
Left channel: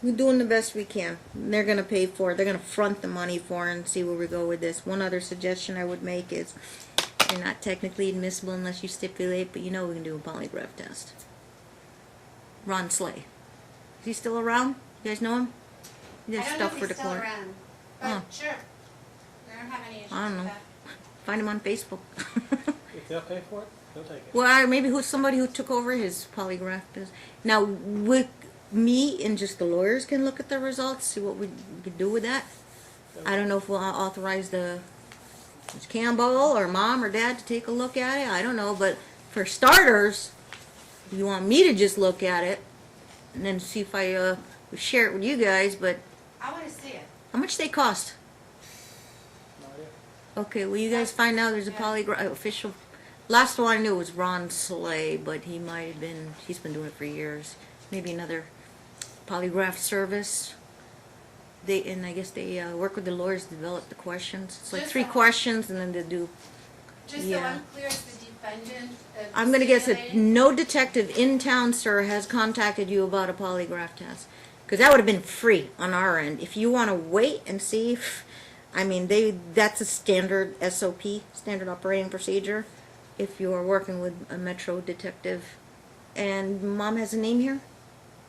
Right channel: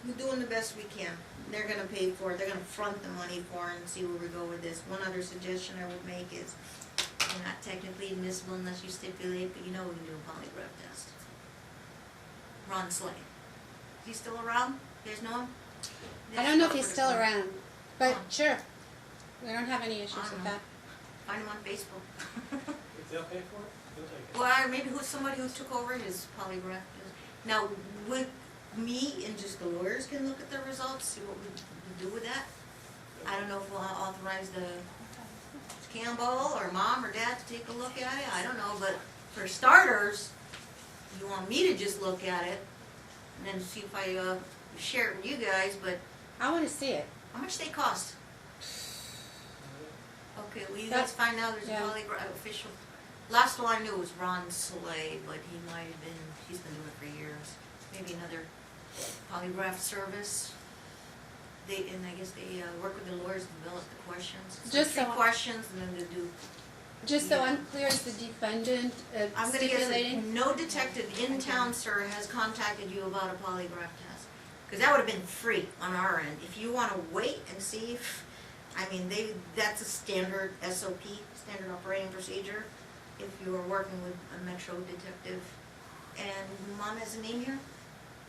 We're doing the best we can. They're gonna pay for it. They're gonna front the money for it and see where we go with this. One other suggestion I would make is you're not technically admissible unless you stipulate, but you know we can do a polygraph test. Ron Slay. Is he still around? You guys know him? He did I don't know stuff if for he's the still court. around, but Huh. sure. We don't have any issues I don't with know. that. Find him on Facebook. If they'll pay for it, they'll take it. Well, maybe somebody who took over his polygraph business. Now, with me and just the lawyers can look at the results, see what we could do with that. I don't know if we'll authorize the Ms. Campbell or mom or dad to take a look at it. I don't know, but for starters, you want me to just look at it and then see if I share it with you guys. But I want to see it. how much they cost? No idea. Okay, well, you guys find out there's a Yeah. polygraph official. Last one I knew was Ron Slay, but he might have been, he's been doing it for years. Maybe another polygraph service. I guess they work with the lawyers to develop the questions. It's like Just 3 so- questions and then they do. Just so Yeah. I'm clear, is the defendant I'm gonna guess that stipulating? no detective in town, sir, has contacted you about a polygraph test. Cause that would have been free on our end. If you wanna wait and see if, that's a standard SOP, standard operating procedure. If you're working with a metro detective. And mom has a name here?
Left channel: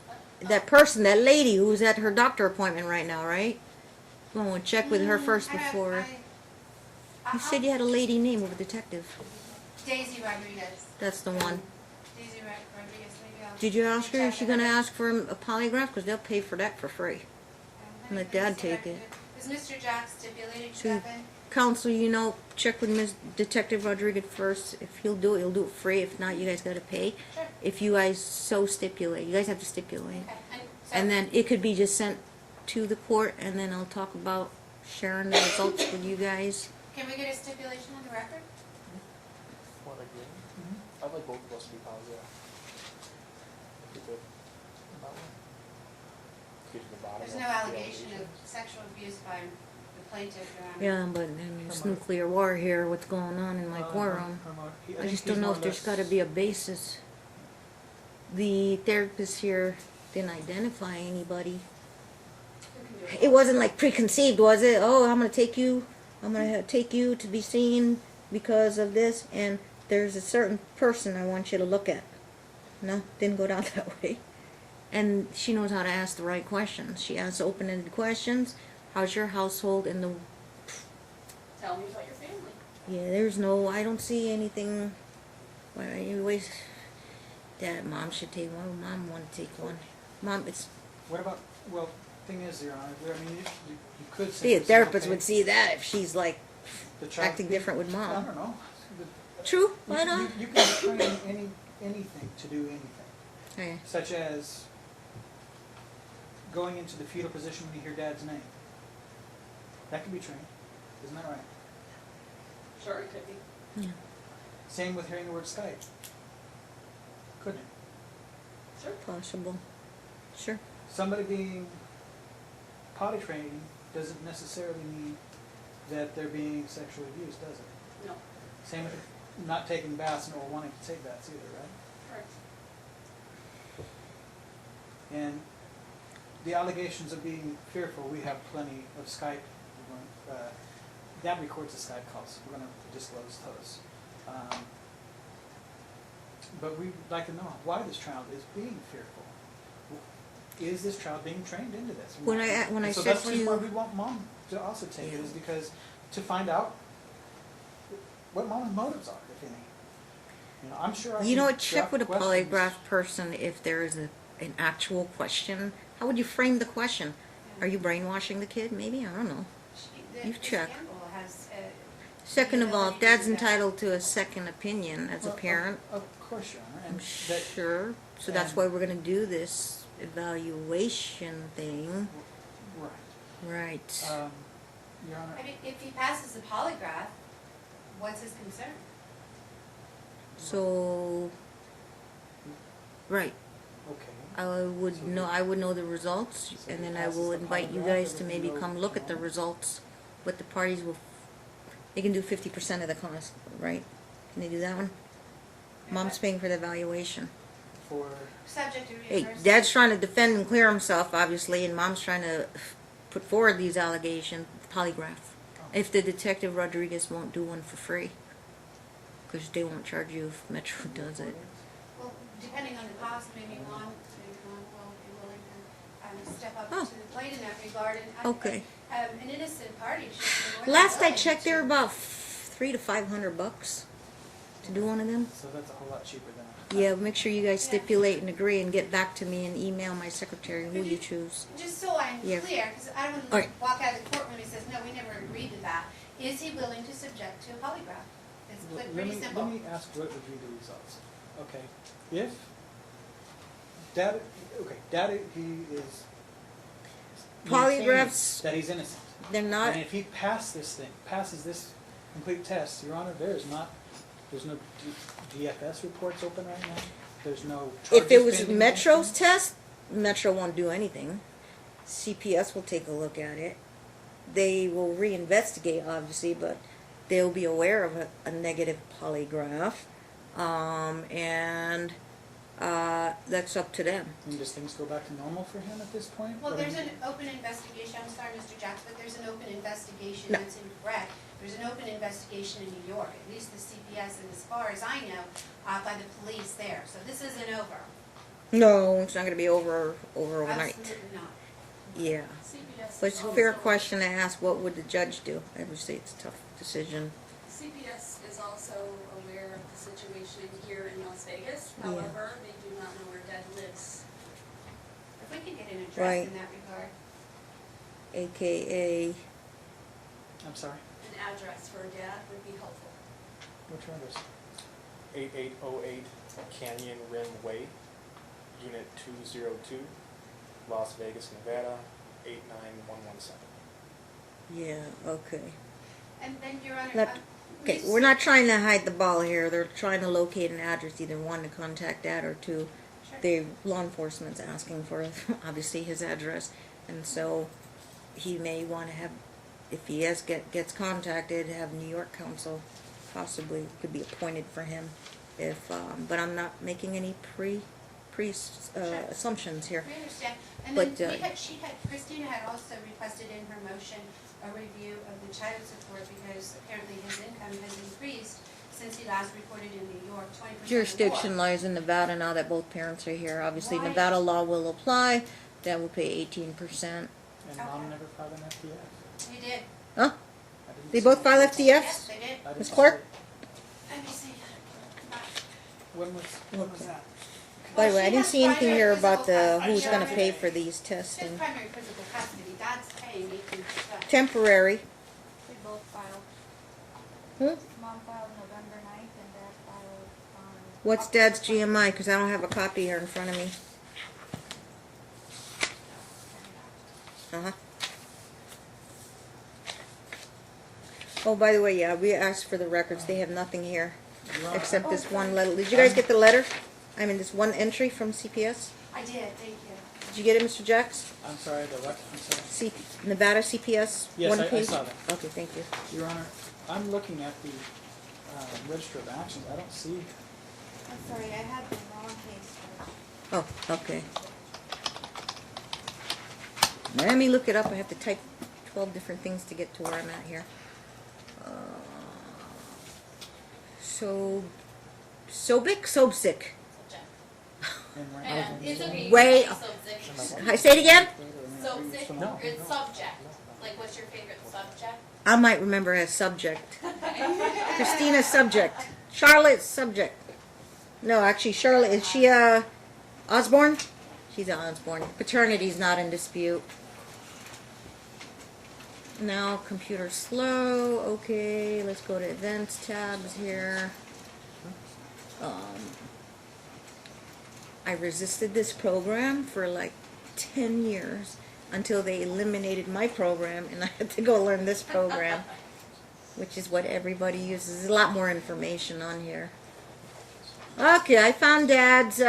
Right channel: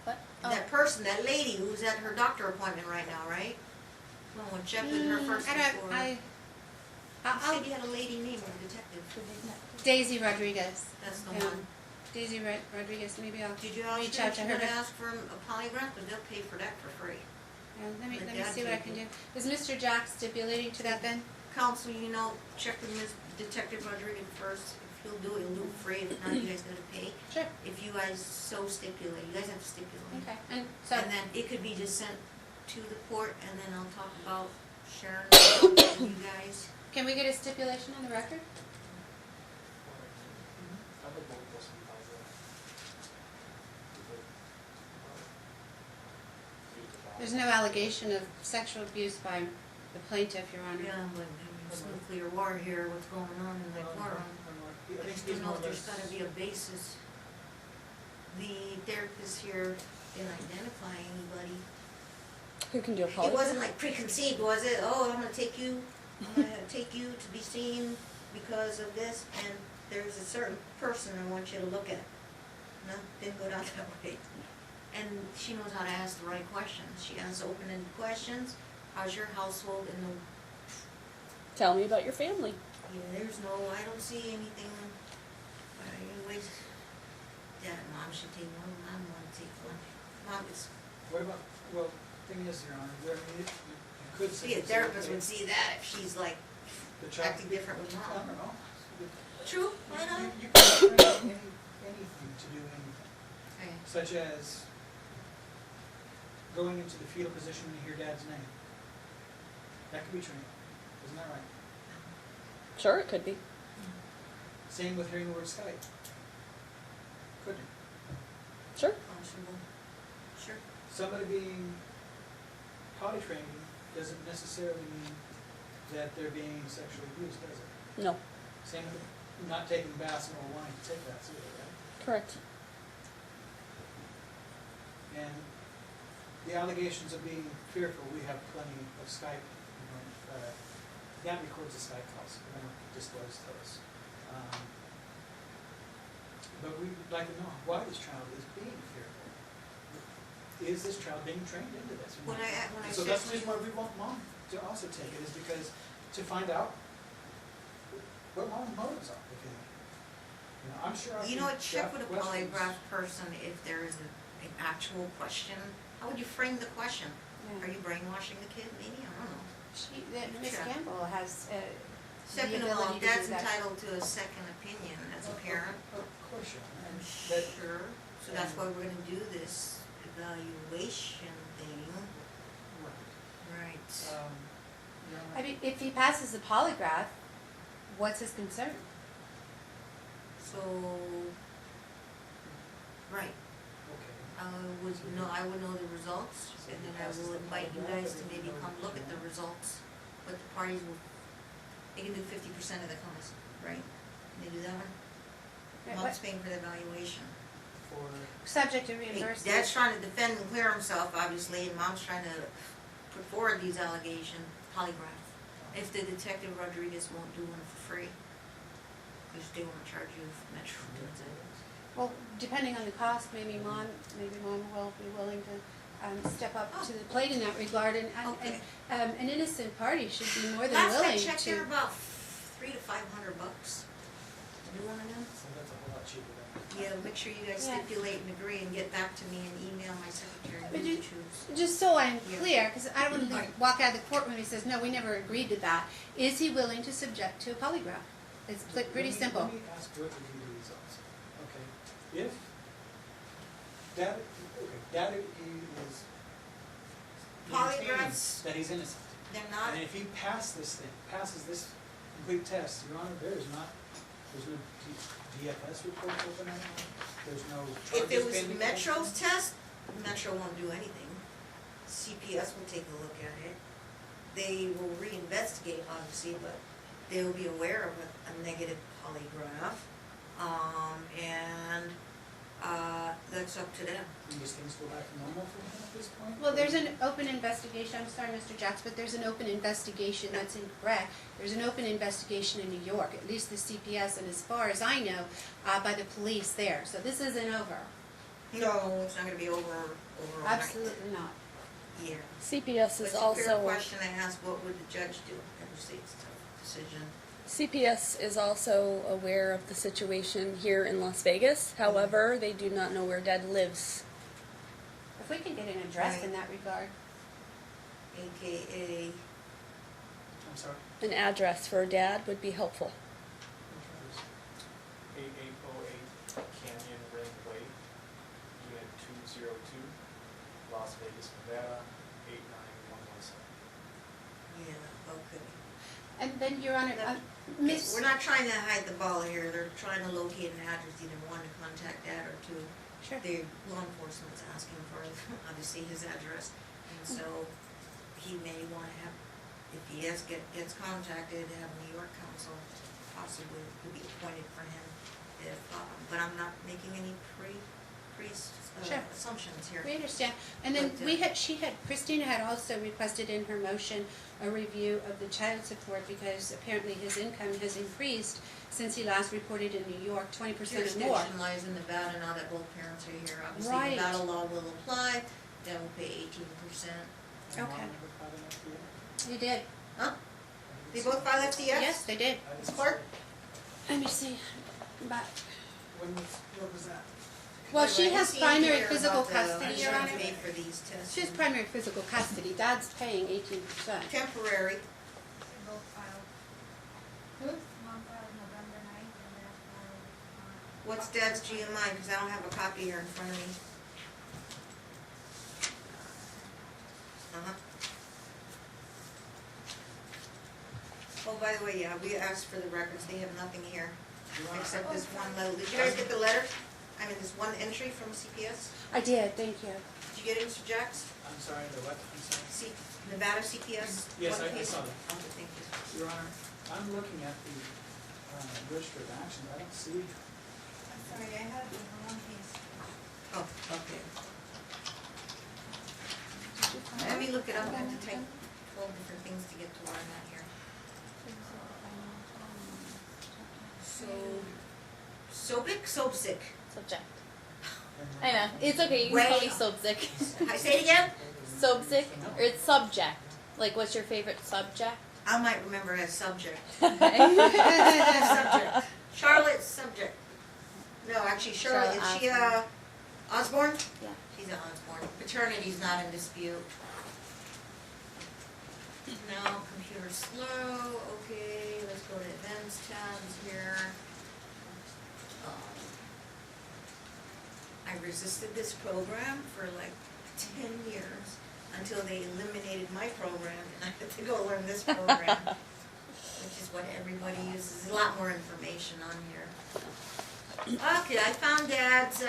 But, That person, that lady who's at her doctor appointment right now, right? You want to check with her first I don't- before. I'll- You said you had a lady name of a detective. Daisy Rodriguez. That's the one. Daisy Rodriguez, maybe I'll. Did you ask reach her out if to she's gonna her. ask for a polygraph? Because they'll pay for that for free. Let Let me Dad see what I take can it. do. Is Mr. Jack stipulating to See. that then? counsel, you know, check with Ms. Detective Rodriguez first. If he'll do it, he'll do it free. If not, you guys gotta pay. Sure. If you guys so stipulate, you guys have to stipulate. Okay, and so. And then it could be just sent to the court, and then I'll talk about sharing the results for you guys. Can we get a stipulation on the record? I'd like both of those to be positive. There's no allegation of sexual abuse by the plaintiff, Your Honor. Yeah, but I mean, it's nuclear war here. What's going on in my courtroom? I just don't know if there's gotta be a basis. The therapist here didn't identify anybody. Who can do a It wasn't like preconceived, was it? Oh, I'm gonna take you to be seen because of this, and there's a certain person I want you to look at. No, didn't go down that way. And she knows how to ask the right questions. She asks open-ended questions. How's your household? And the Tell me about your family. I don't see anything. Well, anyways, Dad, Mom should take one. Mom want to take one. Mom, it's What about, well, thing is, Your Honor, I mean, you could say. see a therapist would see that if she's like the child- acting different with I Mom. don't know. True, why not? You can train anything to do anything, Okay. such as going into the fetal position when you hear Dad's name. That can be trained, isn't that right? Sure, it could be. Yeah. Same with hearing the word Skype. Couldn't it? Sure. Possible. Sure. Somebody being potty trained doesn't necessarily mean that they're being sexually abused, does it? No. Same with not taking baths or wanting to take baths either, right? Correct. And the allegations of being fearful, we have plenty of Skype. Dan records the Skype calls. We're going to disclose those. But we'd like to know why this child is being fearful. Is this child being trained into this? When I so said that's to the reason you, why we want Mom to also take it, is because to find out what Mom's motives are, if any. You know, I'm sure. you know what? draft Check with a questions. polygraph person if there is an actual question. How would you frame the question? Are you brainwashing the kid? Maybe, I don't know. You Ms. check. Campbell has, Second of all, ability to do Dad's that. entitled to a second opinion as a Well, parent. Of course, Your Honor. I'm And that, sure. So that's why we're gonna do this evaluation thing. right. Right. Your I Honor. mean, if he passes the polygraph, what's his concern? So, right. Okay. I would know the results, and then I will invite you guys to maybe come look at the results. What the parties will, they can do 50% of the cost, right? Can they do that one? Mom's paying for the evaluation. For, Subject to Hey, reimbursement. Dad's trying to defend and clear himself, obviously, and Mom's trying to put forward these allegations, polygraph. If the Detective Rodriguez won't do one for free, because they won't charge you if Metro does it. Well, depending on the cost, maybe mom will be willing to step up Oh. to the plate in that regard. And Okay. an innocent party should be more than Last I willing checked, to- they're about $300 to $500 to do one of them. so that's a whole lot cheaper than. Yeah, make sure you guys Yeah. stipulate and agree and get back to me and email my secretary who But you you- choose. Just so I'm Yeah. clear, because I don't want to Right. walk out of the courtroom and he says, no, we never agreed to that. Is he willing to subject to a polygraph? It's pretty simple. Let me ask what would be the results. Okay, if Dad, he is. Polygraphs- That he's innocent. They're not, And if he passes this complete test, Your Honor, there's no DFS reports open right now. There's no. if it charges was pending Metro's anything? test, Metro won't do anything. CPS will take a look at it. They will reinvestigate, obviously, but they'll be aware of a negative polygraph. And that's up to them. And does things go back to normal for him at this point? Well, Or- there's an open investigation, I'm sorry, Mr. Jacks, but there's an open investigation No. that's incorrect. There's an open investigation in New York, at least the CPS, and as far as I know, by the police there. So this isn't over. No, it's not gonna be over overnight. Absolutely not. Yeah. CPS But is it's a also fair question to ask, what would the judge do? Obviously, it's a tough decision. CPS is also aware of the situation here in Las Vegas. However, they do not know where Dad lives. If we can get an address Right. in that regard. AKA, I'm sorry, An address for Dad would be helpful. which one is? 8808 Canyon Rim Way, Unit 202, Las Vegas, Nevada, 89117. Yeah, okay. And then, Your Honor, Let- Okay, Miss- we're not trying to hide the ball here. They're trying to locate an address, either one, to contact Dad, or two, Sure. the law enforcement's asking for, obviously, his address. And so he may want to have, if he gets contacted, have New York counsel possibly could be appointed for him. If, but I'm not making any assumptions here. We understand. And then But, Christina had also requested in her motion a review of the child support because apparently his income has increased since he last reported in New York, 20% or more. Jurisdiction lies in Nevada now that both parents are here. Obviously, Right. Nevada law will apply. Dad will pay 18%. And Mom Okay. never filed an FDF? They did. Huh? I didn't They see both it. file FDFs? Yes, they did. I didn't Ms. see Clark? it. Let me see. Back. When was that? By the way, I she didn't has see anything primary here physical about custody, who's Your gonna Honor. pay for these tests. She has and- primary physical custody. Dad's paying 18%. Temporary. They both filed. Hmm? Mom filed November 9th and Dad filed, What's Dad's GMI? Because I don't have a copy here in front of me. Uh-huh. Oh, by the way, yeah, we asked for the records. They have nothing here Your Honor, except this Oh, one letter. Did you guys get the letter? I mean, this one entry from CPS? I did, thank you. Did you get it, Mr. Jacks? I'm sorry, the what? I'm sorry. Nevada CPS? Yes, one I page? saw that. Okay, thank you. Your Honor, I'm looking at the register of actions. I don't see, I'm sorry, I had the wrong case. Oh, okay. Let me look it up. I have to type 12 different things to get to where I'm at here. Sobczyk? Subject. in I know, it's okay, you Wait. can call me subject. I say it again? Subject, or it's subject. Like, what's your favorite subject? I might remember as subject. Okay. Christina's subject. Charlotte's subject. No, actually, Charlotte, is she Osborne? She's an Osborne. Paternity's not in dispute. Now, computer slow. Okay, let's go to events tabs here. I resisted this program for like 10 years until they eliminated my program and I had to go learn this program, which is what everybody uses. There's a lot more information on here. Okay, I found Dad's,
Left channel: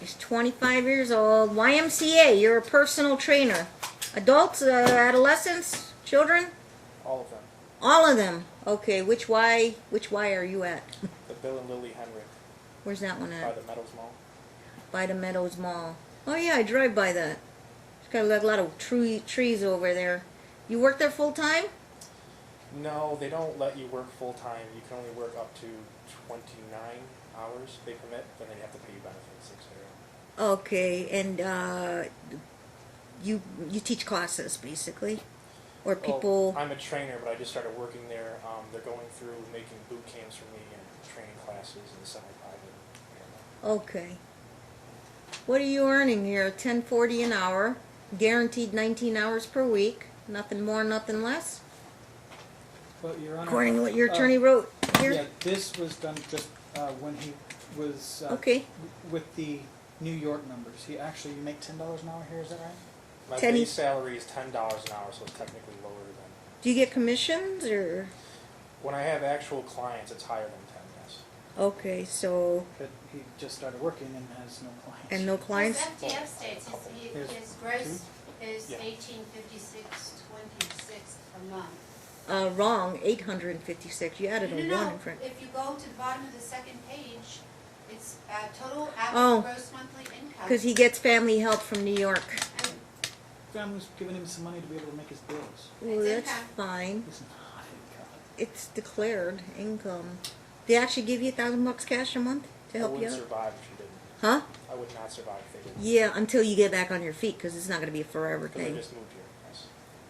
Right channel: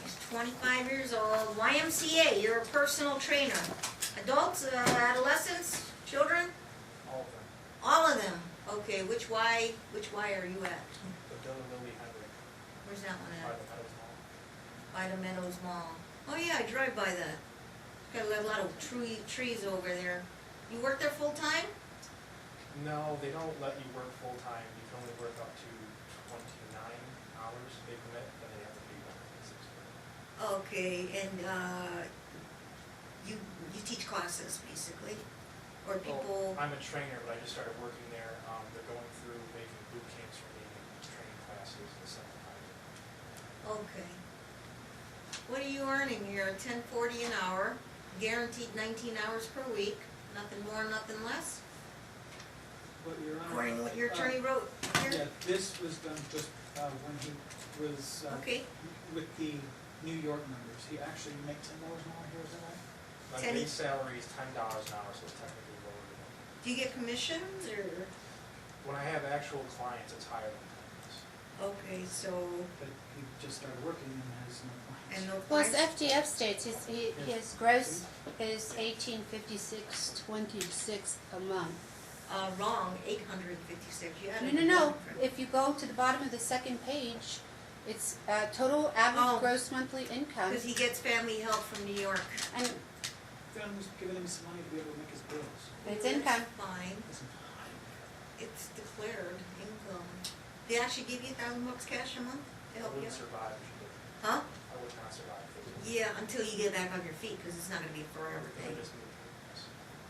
he's 25 years old. YMCA, you're a personal trainer. Adults, adolescents, children? All of them. All of them. Okay, which Y are you at? The Bill and Lily Henry Where's that one by at? the Meadows Mall. By the Meadows Mall. Oh yeah, I drive by that. It's got a lot of trees over there. You work there full time? No, they don't let you work full time. You can only work up to 29 hours they permit, then they have to pay you benefits, etc. Okay, and you teach classes basically, or people. Well, I'm a trainer, but I just started working there. They're going through making boot camps for me and training classes in the summer. Okay. What are you earning? You're $10.40 an hour, guaranteed 19 hours per week. Nothing more, nothing less. well, Your Honor. According to what your attorney wrote here. Yeah, this was done just when he was Okay. with the New York numbers. He actually, you make $10 an hour here, is that right? My Tenny- base salary is $10 an hour, so it's technically lower than. Do you get commissions or? When I have actual clients, it's higher than 10, yes. Okay, so But he just started working and has no clients. and no Well, his clients. FDF states his gross is Yeah. 1856.26 a month. Wrong, 856. You added a one No, in front. if you go to the bottom of the second page, it's total Oh. average gross monthly income. Because he gets family help from New York. And Family's giving him some money to be able to make his bills. It's Well, income. that's fine. Listen, It's declared income. They actually give you $1,000 cash a month to I help you wouldn't out? survive if you didn't. Huh? I would not survive if they didn't. Yeah, until you get back on your feet, because it's not going to be a forever Because I thing. just moved here, yes.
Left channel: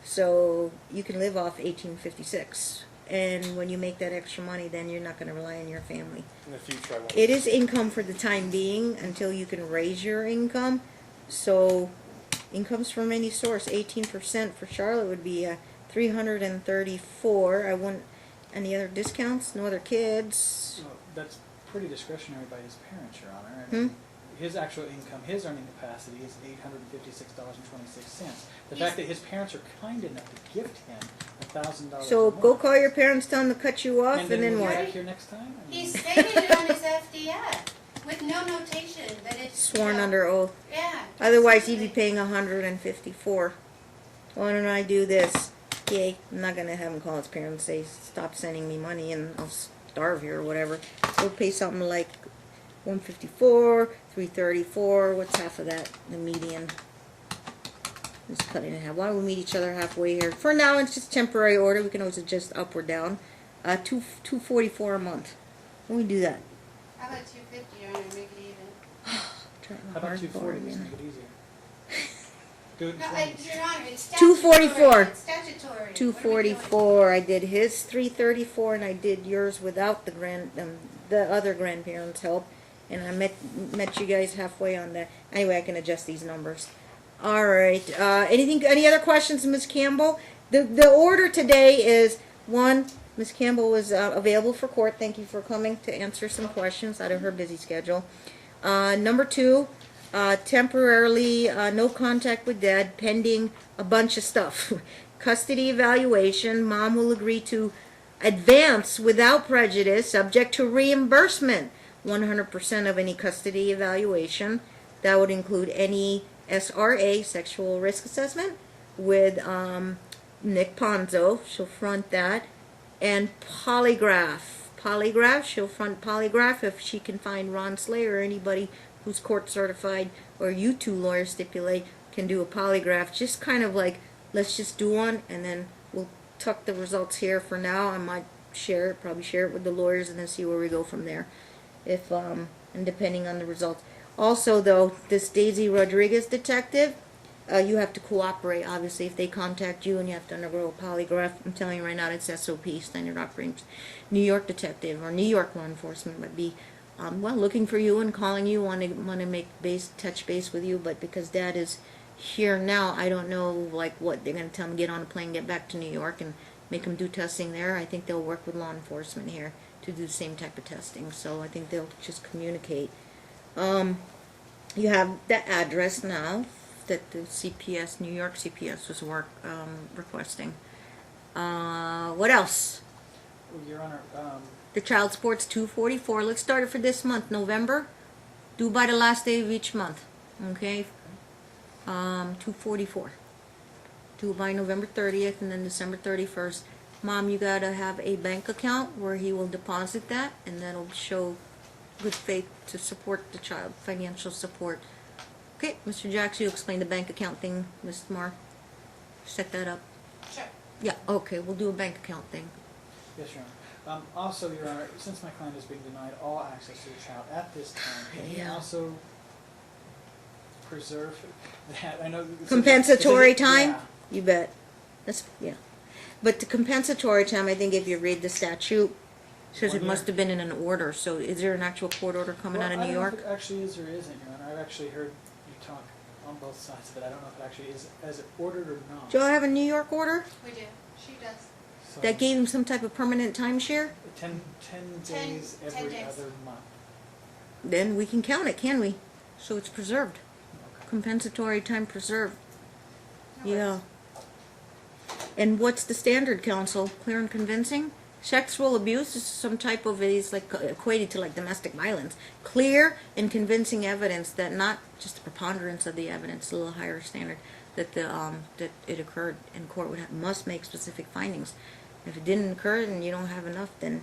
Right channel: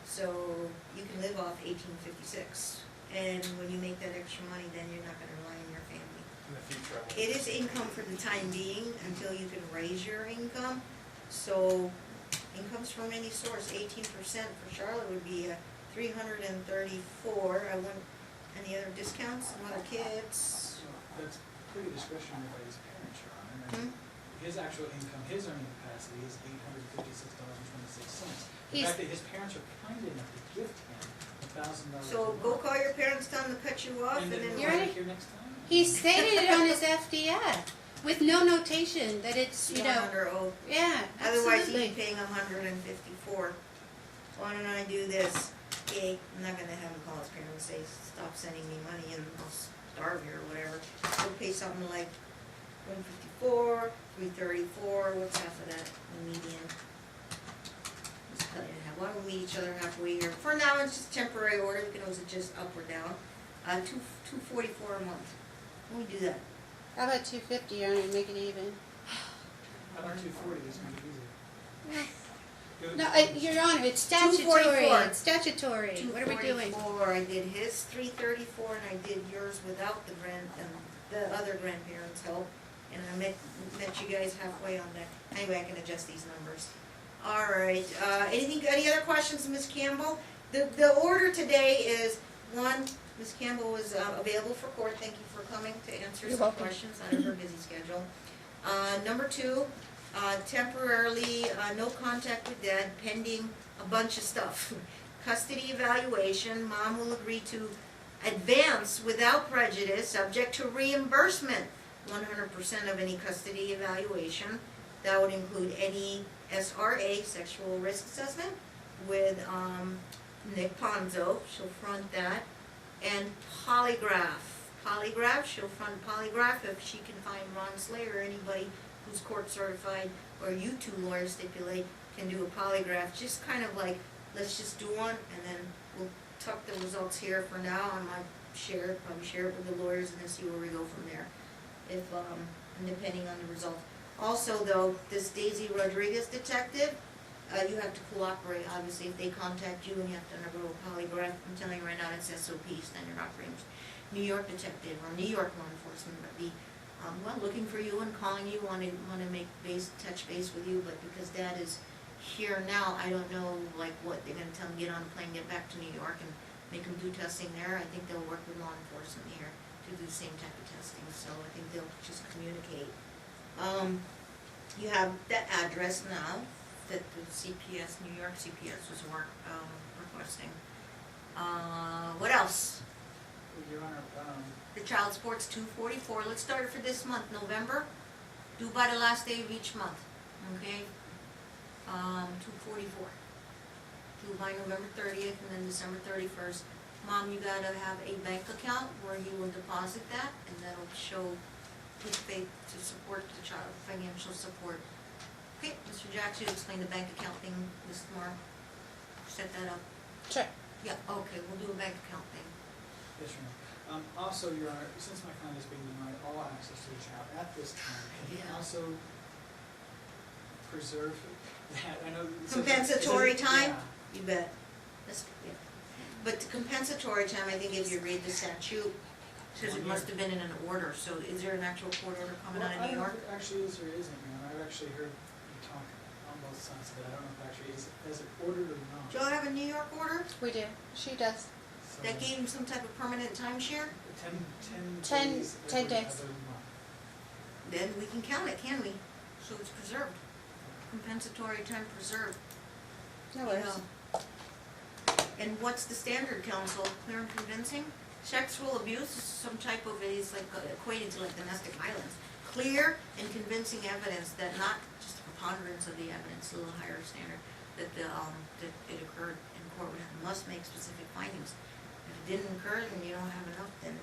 So you can live off 1856, and when you make that extra money, then you're not going to rely on your family. In the future, I won't. It is income for the time being until you can raise your income. So Incomes from any source, 18% for Charlotte would be 334. I wouldn't, any other discounts? No other kids? So that's pretty discretionary by his parents, Your Honor. Hmm? His actual income, his earning capacity is $856.26. The He's- fact that his parents are kind enough to gift him $1,000. So a go month, call your parents, tell them to cut you off, and then we'll be what? back here next time? He stated it on his FDF with no notation that it's, you Sworn know, under oath. yeah. Otherwise, he'd be absolutely. paying 154. Why don't I do this? Yay! I'm not gonna have him call his parents and say, "Stop sending me money, and I'll starve here or whatever." He'll pay something like 154, 334. What's half of that? The median. Just cut it in half. Why don't we meet each other halfway here? For now, it's just temporary order. We can always adjust up or down. 244 a month. When we do that. How about 250, Your Honor, make it even? Try How my about hard 240, part just again. make it easier? Do it No, for- Your Honor, it's statutory. 244. It's statutory. What are we doing? 244. I did his 334, and I did yours without the other grandparents' help, and I met you guys halfway on that. Anyway, I can adjust these numbers. All right. Any other questions, Ms. Campbell? The order today is one. Ms. Campbell was available for court. Thank you for coming to answer some questions out of her busy schedule. Number two. Temporarily, no contact with dad, pending a bunch of stuff. Custody evaluation, mom will agree to advance without prejudice, subject to reimbursement, 100% of any custody evaluation. That would include any SRA, sexual risk assessment, with Nick Ponzo, she'll front that, and polygraph, she'll front polygraph if she can find Ron Slayer or anybody who's court certified, or you two lawyers stipulate can do a polygraph. Just kind of like, let's just do one, and then we'll tuck the results here for now. I might probably share it with the lawyers, and then see where we go from there. If and depending on the results. Also, though, this Daisy Rodriguez detective, you have to cooperate. Obviously, if they contact you and you have to undergo a polygraph, I'm telling you right now, it's SOP, standard operating. New York detective or New York law enforcement would be looking for you and calling you, want to touch base with you, but because Dad is here now, I don't know what they're going to tell him. Get on a plane, get back to New York, and make him do testing there. I think they'll work with law enforcement here to do the same type of testing. So I think they'll just communicate. You have the address now that the CPS, New York CPS, was requesting. What else? Well, Your Honor, The child sports $244. Let's start it for this month, November. Due by the last day of each month. Okay. $244. Due by November 30th and then December 31st. Mom, you gotta have a bank account where he will deposit that, and that'll show good faith to support the child, financial support. Okay, Mr. Jackson, you explain the bank account thing, Ms. Marr. Set that up. Sure. Yeah, okay, we'll do a bank account thing. yes, Your Honor. Also, Your Honor, since my client is being denied all access to the child at this time, can you Yeah. also preserve that? I know. Compensatory time? Yeah. You bet. Yeah. But the compensatory time, I think if you read the statute, says it 1 must year. have been in an order. So is there an actual court order coming out of New York? I don't know if it actually is or isn't, Your Honor. I've actually heard you talk on both sides of it. I don't know if it actually is it ordered or not. Do y'all have a New York order We do. She does. that So, gave him some type of permanent timeshare? 10 10 days 10 every days. other month. Then we can count it, can we? So it's preserved. Compensatory time preserved. No worries. Yeah. And what's the standard, counsel? Clear and convincing? Sexual abuse is some type of, is like equated to like domestic violence. Clear and convincing evidence that not just the preponderance of the evidence, a little higher standard, that that it occurred in court must make specific findings. If it didn't occur and you don't have enough, then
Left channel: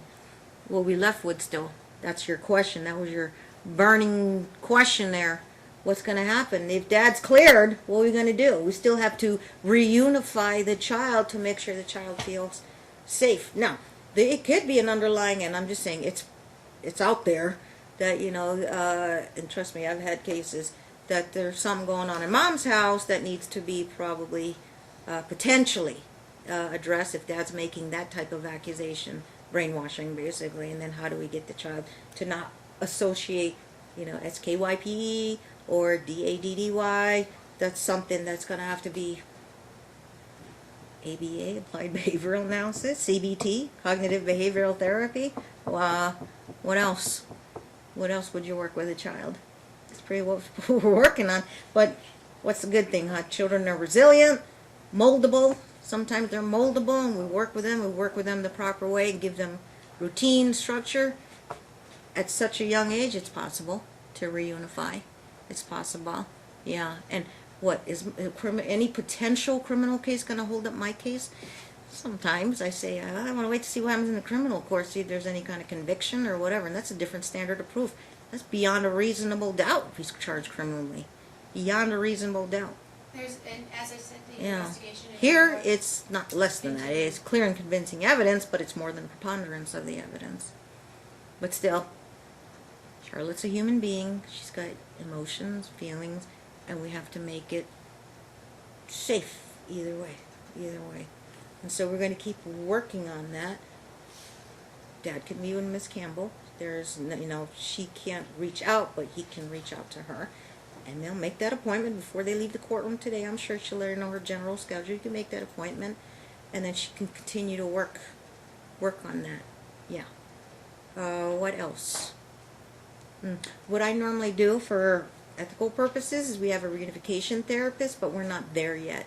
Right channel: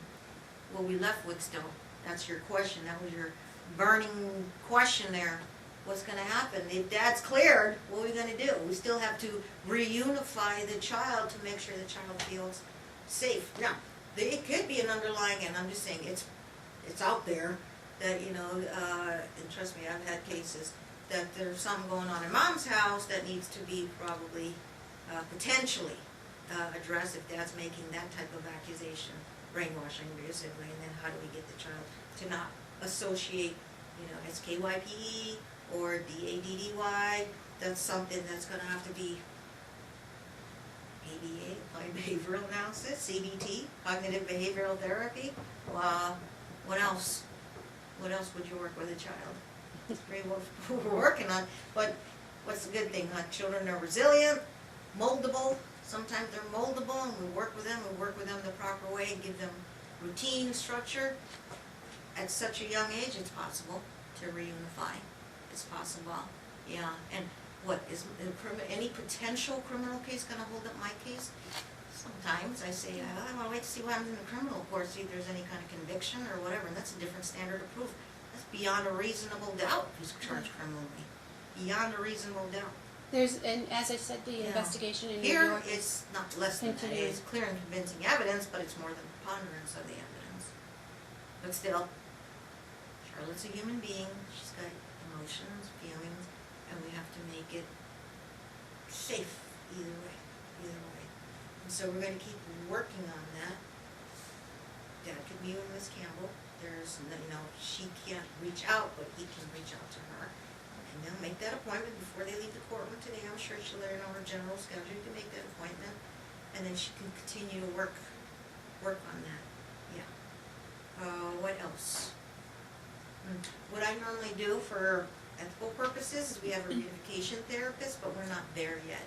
we'll be left with still. That's your question. That was your burning question there. What's going to happen? If Dad's cleared, what are we going to do? We still have to reunify the child to make sure the child feels safe. Now, it could be an underlying, and I'm just saying it's out there that, and trust me, I've had cases that there's something going on in Mom's house that needs to be probably potentially addressed if Dad's making that type of accusation, brainwashing basically, and then how do we get the child to not associate, SKYPE or DADDY that's something that's gonna have to be ABA, Applied Behavioral Analysis, CBT, Cognitive Behavioral Therapy. What else? What else would you work with a child? That's pretty what we're working on. But what's the good thing, huh? Children are resilient, moldable. Sometimes they're moldable, and we work with them. We work with them the proper way, give them routine, structure. At such a young age, it's possible to reunify. It's possible, yeah. And what is any potential criminal case going to hold up my case? Sometimes I say, I want to wait to see what happens in the criminal court, see if there's any kind of conviction or whatever, and that's a different standard of proof. That's beyond a reasonable doubt if he's charged criminally. Beyond a reasonable doubt. There's, and as I said, the investigation in New Here, York. it's not less than that. It's clear and convincing evidence, but it's more than preponderance of the evidence. But still, Charlotte's a human being. She's got emotions, feelings, and we have to make it safe either way. Either way. And so we're going to keep working on that. Dad can meet with Miss Campbell. There's, she can't reach out, but he can reach out to her. And they'll make that appointment before they leave the courtroom today. I'm sure she'll let her know her general schedule. You can make that appointment, and then she can continue to work on that. Yeah. What else? What I normally do for ethical purposes is we have a reunification therapist, but we're not there yet.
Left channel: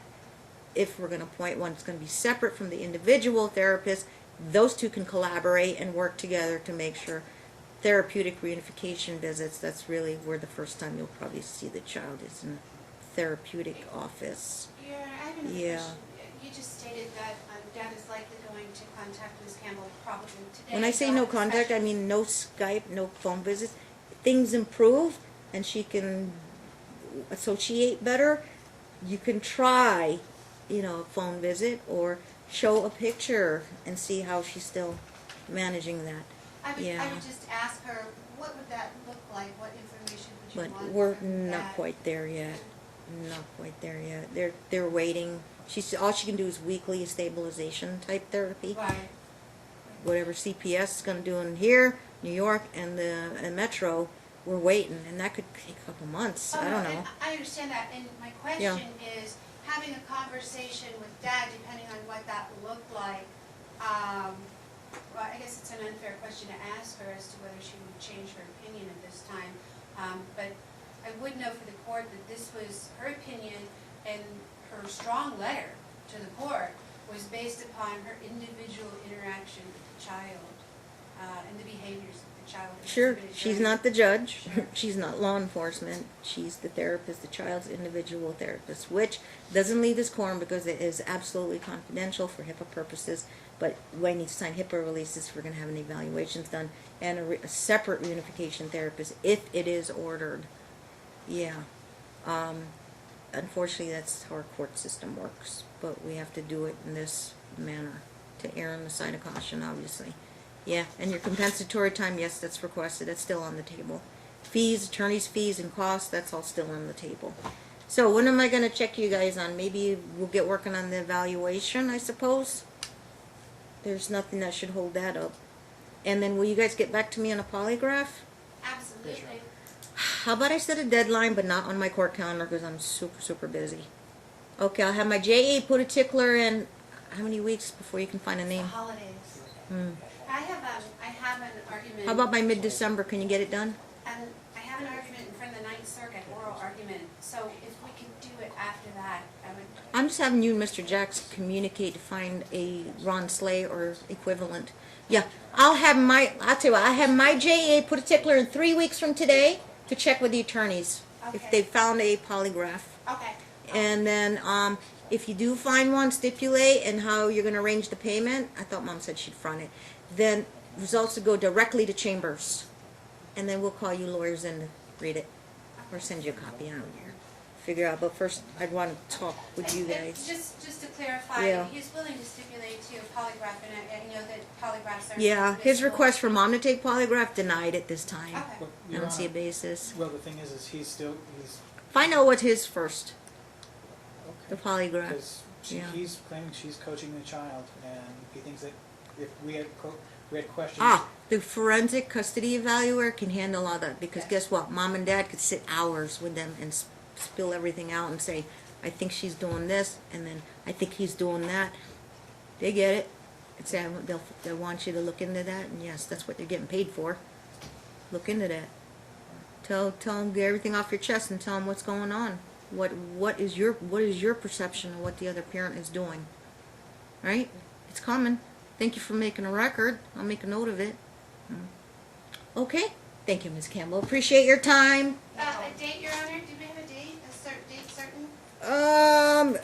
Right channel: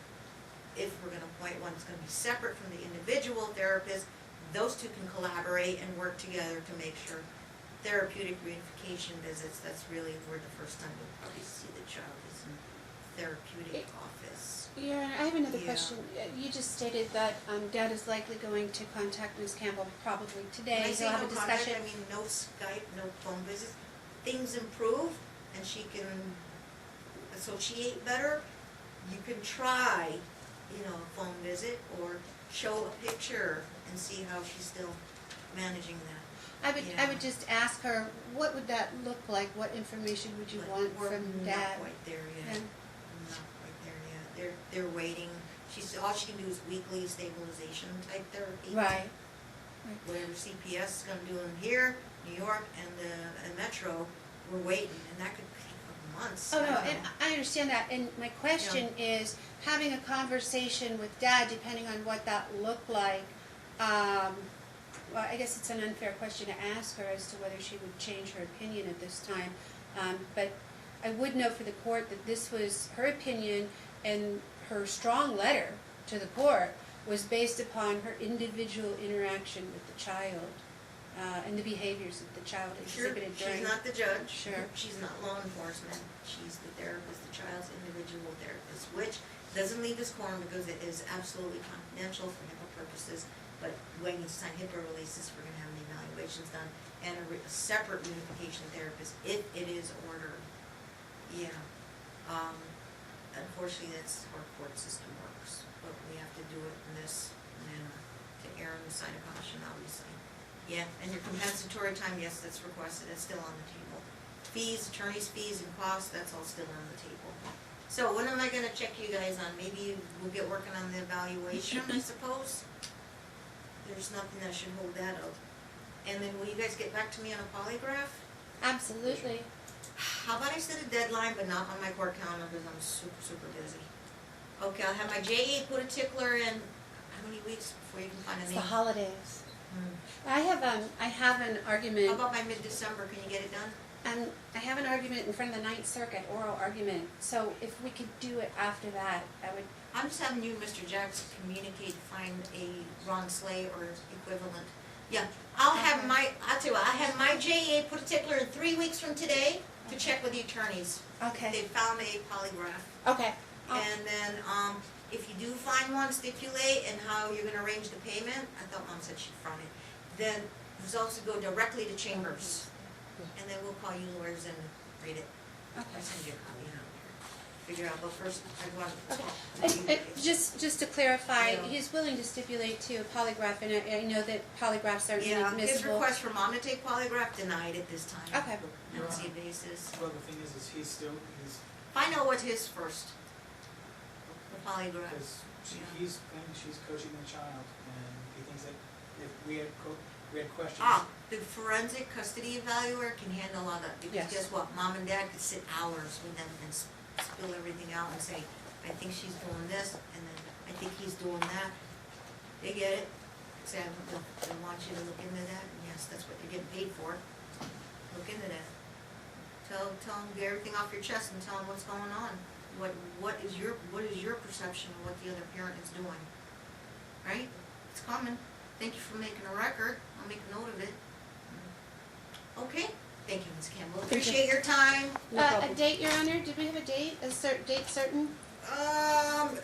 If we're going to appoint one, it's going to be separate from the individual therapist. Those two can collaborate and work together to make sure therapeutic reunification visits, that's really where the first time you'll probably see the child is in a therapeutic office. Yeah, I have another question. You just stated that Dad is likely going to contact Ms. Campbell probably today. When I say no contact, I mean no Skype, no phone visits. Things improve and she can associate better. You can try, a phone visit or show a picture and see how she's still managing that. I would just ask her, what would that look like? What information would you But want we're from Dad? not quite there yet. Not quite there yet. They're waiting. All she can do is weekly stabilization type therapy. Right. Whatever CPS is going to do in here, New York, and Metro, we're waiting, and that could take a couple months. Oh, I no, don't know. and I understand that. And my question is, having a conversation with Dad, depending on what that looked like, well, I guess it's an unfair question to ask her as to whether she would change her opinion at this time. But I would know for the court that this was her opinion, and her strong letter to the court was based upon her individual interaction with the child and the behaviors that the child exhibited. Sure, she's not the judge. Sure. She's not law enforcement. She's the therapist, the child's individual therapist, which doesn't leave this quorum because it is absolutely confidential for HIPAA purposes. But we need to sign HIPAA releases if we're going to have any evaluations done, and a separate reunification therapist if it is ordered. Yeah. Unfortunately, that's how our court system works, but we have to do it in this manner to err on the side of caution, obviously. Yeah, and your compensatory time, yes, that's requested. That's still on the table. Fees, attorney's fees and costs, that's all still on the table. So when am I going to check you guys on? Maybe we'll get working on the evaluation, I suppose. There's nothing that should hold that up. And then will you guys get back to me on a polygraph? Absolutely. How about I set a deadline, but not on my court calendar because I'm super, super busy. Okay, I'll have my JA put a tickler in. How many weeks before you can find a It's the name? holidays. I have an argument. How about by mid-December? Can you get it done? And I have an argument in front of the Ninth Circuit, oral argument. So if we could do it after that, I would. I'm just having you and Mr. Jacks communicate to find a Ron Slay or equivalent. Yeah, I'll tell you what, I have my JA put a tickler in 3 weeks from today to check with the attorneys if Okay. they found a polygraph. Okay. And then if you do find one, stipulate and how you're going to arrange the payment. I thought Mom said she'd front it. Then results will go directly to Chambers. And then we'll call you lawyers in to read it. Or send you a copy. I don't care. Figure out. But first, I'd want to talk with you guys. Just to clarify, Yeah. he's willing to stipulate to a polygraph, and I know that polygraphs are Yeah, his admissible. request for Mom to take polygraph denied at this time. Okay. I don't see a basis. Well, the thing is he's Find out what's his first. The polygraph. because Yeah. he's claiming she's coaching the child, and he thinks that if we had questions. The forensic custody evaluator can handle all that because Yes. guess what? Mom and Dad could sit hours with them and spill everything out and say, I think she's doing this, and then I think he's doing that. They get it. It's, they'll want you to look into that, and yes, that's what they're getting paid for. Look into that. Tell them, get everything off your chest and tell them what's going on. What is your perception of what the other parent is doing? Right? It's coming. Thank you for making a record. I'll make a note of it. Okay. Thank you, Ms. Campbell. Appreciate your time. A date, Your Honor? Do we have a date? A date certain?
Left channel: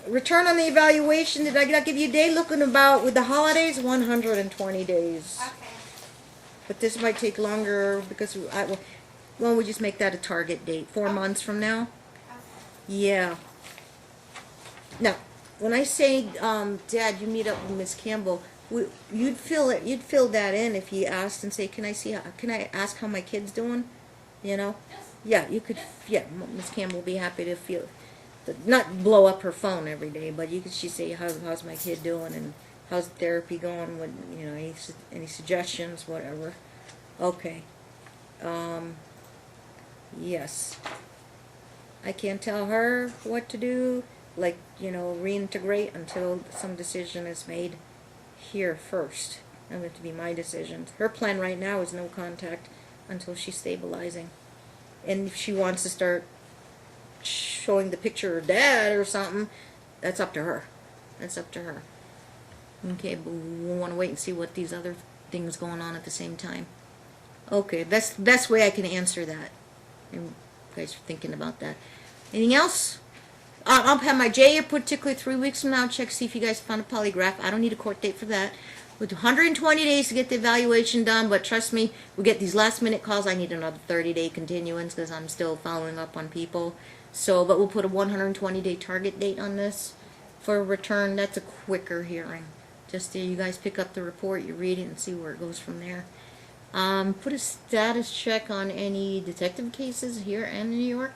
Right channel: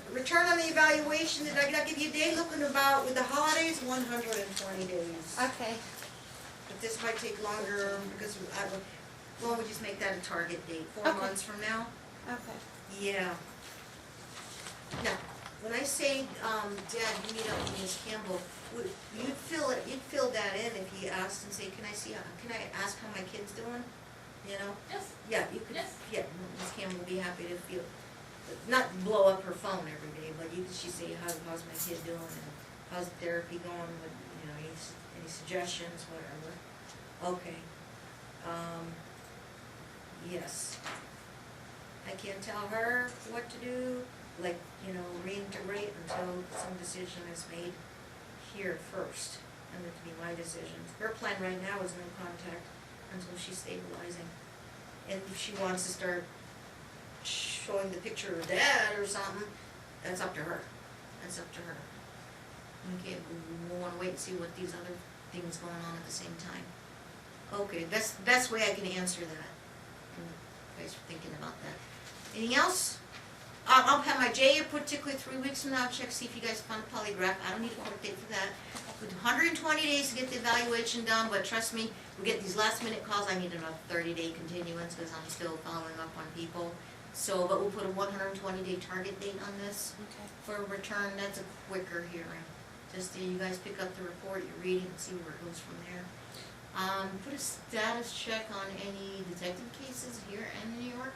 Return on the evaluation. Did I not give you a date? Looking about with the holidays, 120 days. Okay. But this might take longer because well, we just make that a target date. 4 Okay. months from now. Okay. Yeah. Now, when I say, Dad, you meet up with Miss Campbell, you'd fill that in if you asked and say, can I ask how my kid's doing? You know? Yes. Yeah, you could. Yes. Yeah, Miss Campbell will be happy to not blow up her phone every day, but she say, how's my kid doing and how's therapy going? What, you know, any suggestions, whatever. Okay. Yes. I can't tell her what to do, like, you know, reintegrate until some decision is made here first. And it to be my decision. Her plan right now is no contact until she's stabilizing. And if she wants to start showing the picture of Dad or something, that's up to her. That's up to her. Okay, but we want to wait and see what these other things going on at the same time. Okay, best way I can answer that. And you guys are thinking about that. Anything else? I'll have my J particularly 3 weeks from now. Check see if you guys found a polygraph. I don't need a court date for that. With 120 days to get the evaluation done, but trust me, we get these last minute calls. I need another 30-day continuance because I'm still following up on people. So, but we'll put a 120-day target date on this for a return. That's a quicker hearing. Just you guys pick up the report, you read it, and see where it goes from there. Put a status check on any detective cases here and in New York.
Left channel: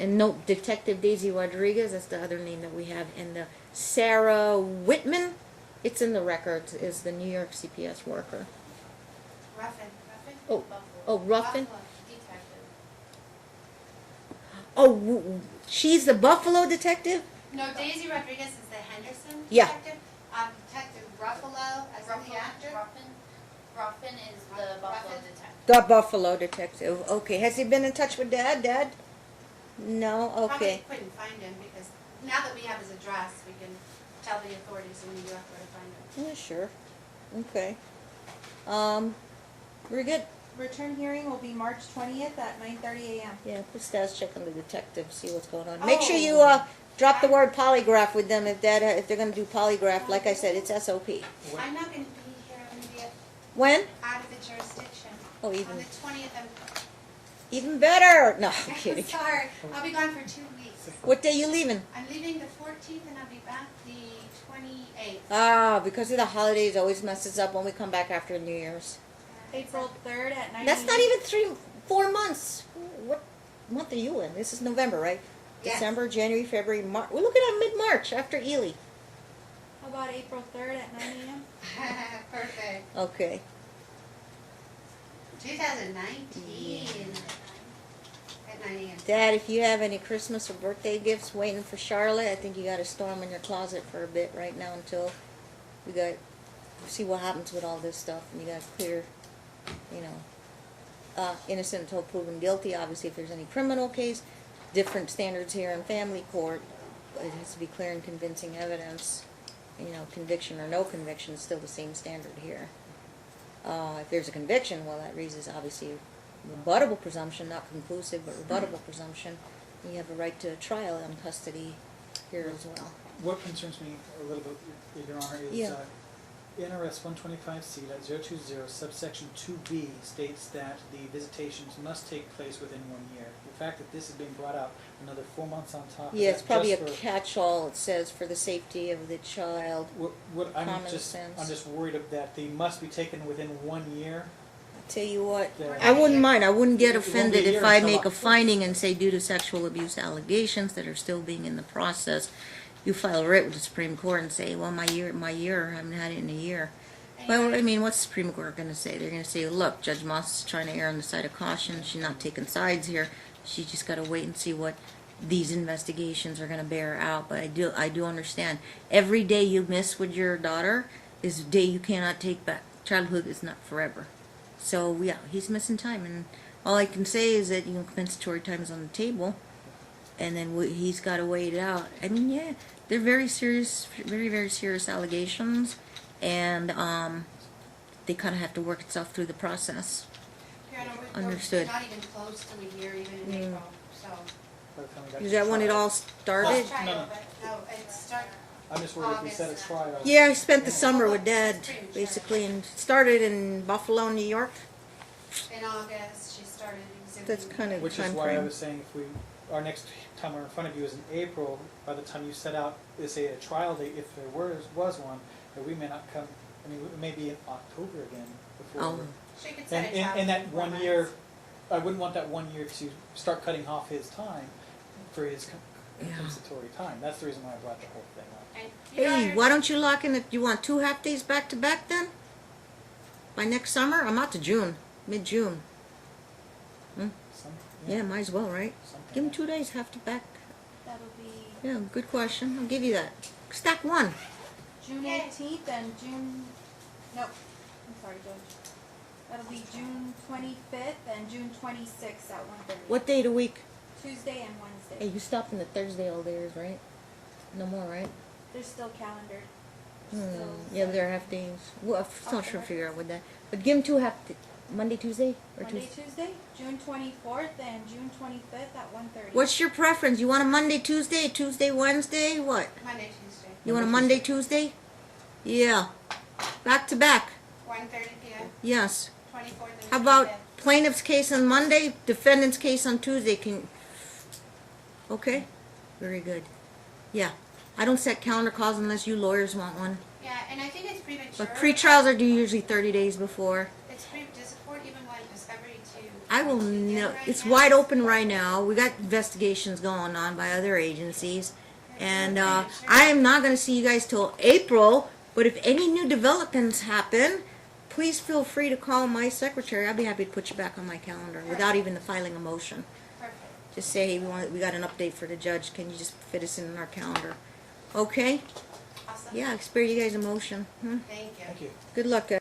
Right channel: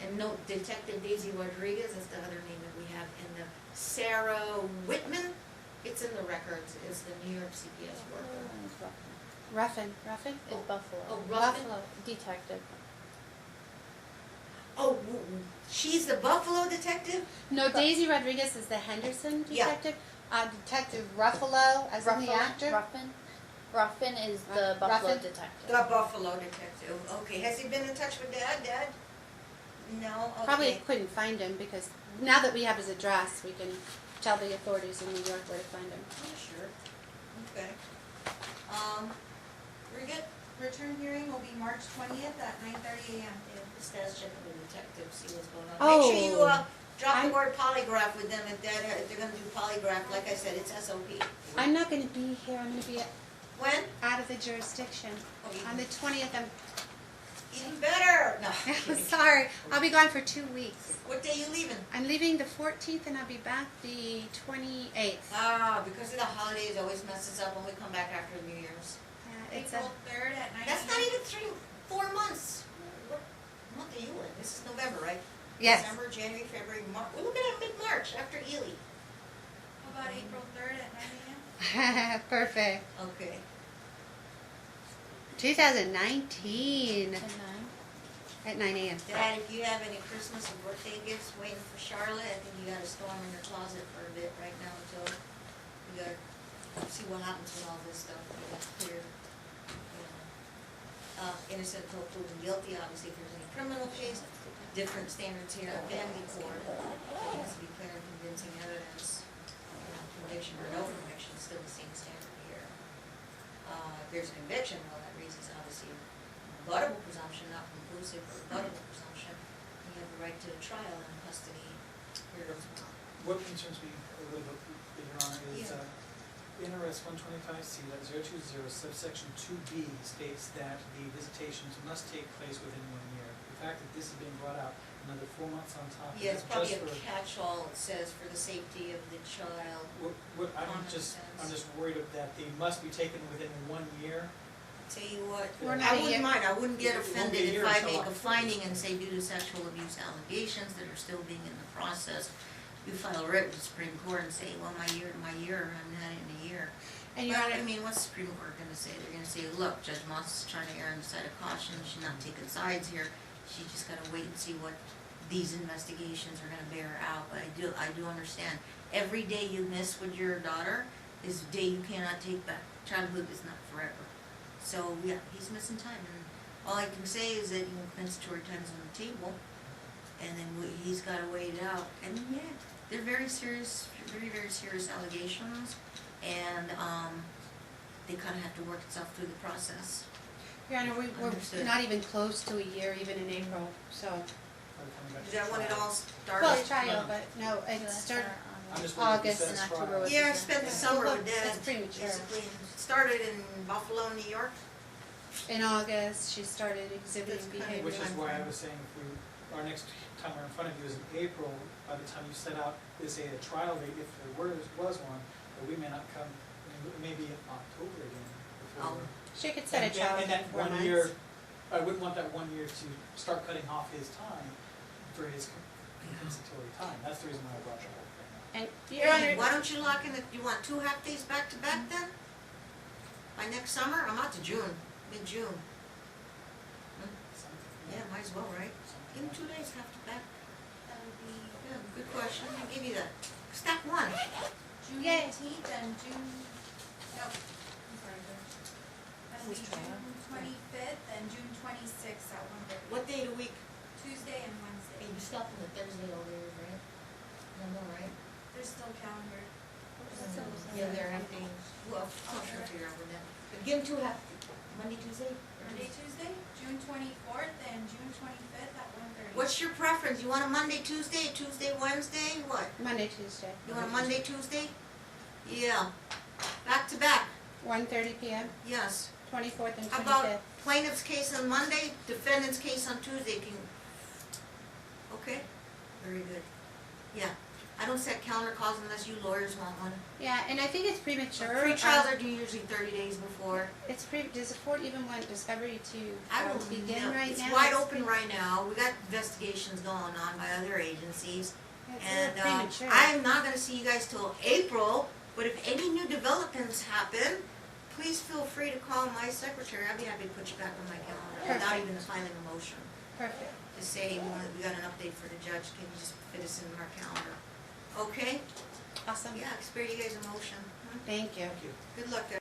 And note Detective Daisy Rodriguez, that's the other name that we have. And the Sarah Whitman, it's in the records, is the New York CPS worker. Ruffin. Oh, Buffalo. oh, Ruffin? Buffalo. Detective. Oh, she's the Buffalo detective? No, Daisy Rodriguez is the Henderson Yeah. detective. Detective Ruffalo, as in the actor. Ruffin is the Buffalo Ruffin? detective. The Buffalo detective. Okay, has he been in touch with Dad? No? Probably Okay. couldn't find him because now that we have his address, we can tell the authorities in New York where to find him. Yeah, sure. Okay. Very good. Return hearing will be March 20th at 9:30 a.m. Yeah, put status check on the detective, see what's going on. Make sure you Oh. drop the word polygraph with them if they're going to do polygraph. Like I said, it's SOP. I'm not going to be here. I'm going to be When? out of the jurisdiction. Oh, On even the 20th, even better. No, I'm I'm kidding. sorry. I'll be gone for 2 weeks. What day you leaving? I'm leaving the 14th and I'll be back the 28th. Ah, because of the holidays, always messes up when we come back after New Year's. April 3rd at 9 That's a.m. not even 4 months. What month are you in? This is November, right? Yes. December, January, February, March. We're looking at mid-March after Ely. How about April 3rd at 9 a.m.? Perfect. Okay. 2019 at 9 a.m. Dad, if you have any Christmas or birthday gifts waiting for Charlotte, I think you got to store them in your closet for a bit right now until we got see what happens with all this stuff and you guys clear, innocent until proven guilty. Obviously, if there's any criminal case, different standards here in family court. It has to be clear and convincing evidence. Conviction or no conviction is still the same standard here. If there's a conviction, well, that raises obviously rebuttable presumption, not conclusive, but rebuttable presumption. You have a right to trial and custody here as well. What concerns me a little bit, Your Honor, is Yeah. NRS 125C.020 subsection 2B states that the visitations must take place within 1 year. The fact that this is being brought out another 4 months on top of Yeah, that it's probably a just for- catch-all. It says for the safety of the child. I'm common just sense. worried that they must be taken within 1 year. Tell you what, We're I not wouldn't yet. mind. I wouldn't get It won't be offended a if year I until make a October. finding and say due to sexual abuse allegations that are still being in the process, you file a writ with the Supreme Court and say, well, my year, I haven't had it in a year. And Well, you're- I mean, what's the Supreme Court going to say? They're going to say, look, Judge Moss is trying to err on the side of caution. She's not taking sides here. She just got to wait and see what these investigations are gonna bear out, but I do understand. Every day you miss with your daughter is a day you cannot take back. Childhood is not forever. So yeah, he's missing time, and all I can say is that compensatory time is on the table, and then he's got to wait it out. I mean, yeah, they're very serious, very serious allegations, and they kind of have to work itself through the process. Your Honor, we're Understood. not even close to a year, even in April, so. By the time we got Is to that when it trial. all Plus started? trial, No. but no, it started, I'm just wondering if you said August it's trial. Yeah, I spent the summer with That's Dad, premature. basically, and started in Buffalo, New York. in August, she started exhibiting That's kinda behavior. Which is time why I frame. was saying if we, our next time we're in front of you is in April, by the time you set out, say a trial date, if there was one, that we may not come, I mean, it may be in October again before. Oh. She could set a trial. And that for 4 1 year, months. I wouldn't want that 1 year to start cutting off his time for his compensatory time. That's the reason why I brought the whole thing up. And Your Hey, Honor, why don't you lock in you want 2 half days back to back then? By next summer? I'm out to June, mid-June. Something, Yeah, might as well, right? something Give him like 2 days, half to back. That would be Yeah, good question. I'll give you that. Stack 1. June Yay. 18th and June, no, I'm sorry, Judge. That'll be June 25th and June 26th at 1:30. What day of the week? Tuesday and Hey, Wednesday. you stopping the Thursday all days, right? No more, right? They're still calendared. Yeah, they're half days. Well, I'm not sure figure out with that. But give him 2 half Monday, Tuesday, or Monday, Tuesday. Tuesday, June 24th and June 25th at 1:30. What's your preference? You want a Monday, Tuesday, Tuesday, Wednesday? What? Monday, Tuesday, You want a Monday, Tuesday? Yeah. Back to back. 1:30 p.m., Yes. 24th and 25th. How about plaintiff's case on Monday, defendant's case on Tuesday? Okay? Very good. Yeah. I don't set calendar calls unless you lawyers want one. Yeah, and I think it's premature. But pre-trials are due usually 30 days before. Does the court even want discovery to I will begin know. right It's now? wide open right now. We got investigations going on by other agencies. It's And a little premature. I am not going to see you guys till April. But if any new developments happen, please feel free to call my secretary. I'll be happy to put you back on my calendar without even filing a motion. Perfect. Just say, hey, we got an update for the judge. Can you just fit us in our calendar? Okay? Awesome. Yeah, I spare you guys a motion. Thank you. Thank you. Good luck, guys.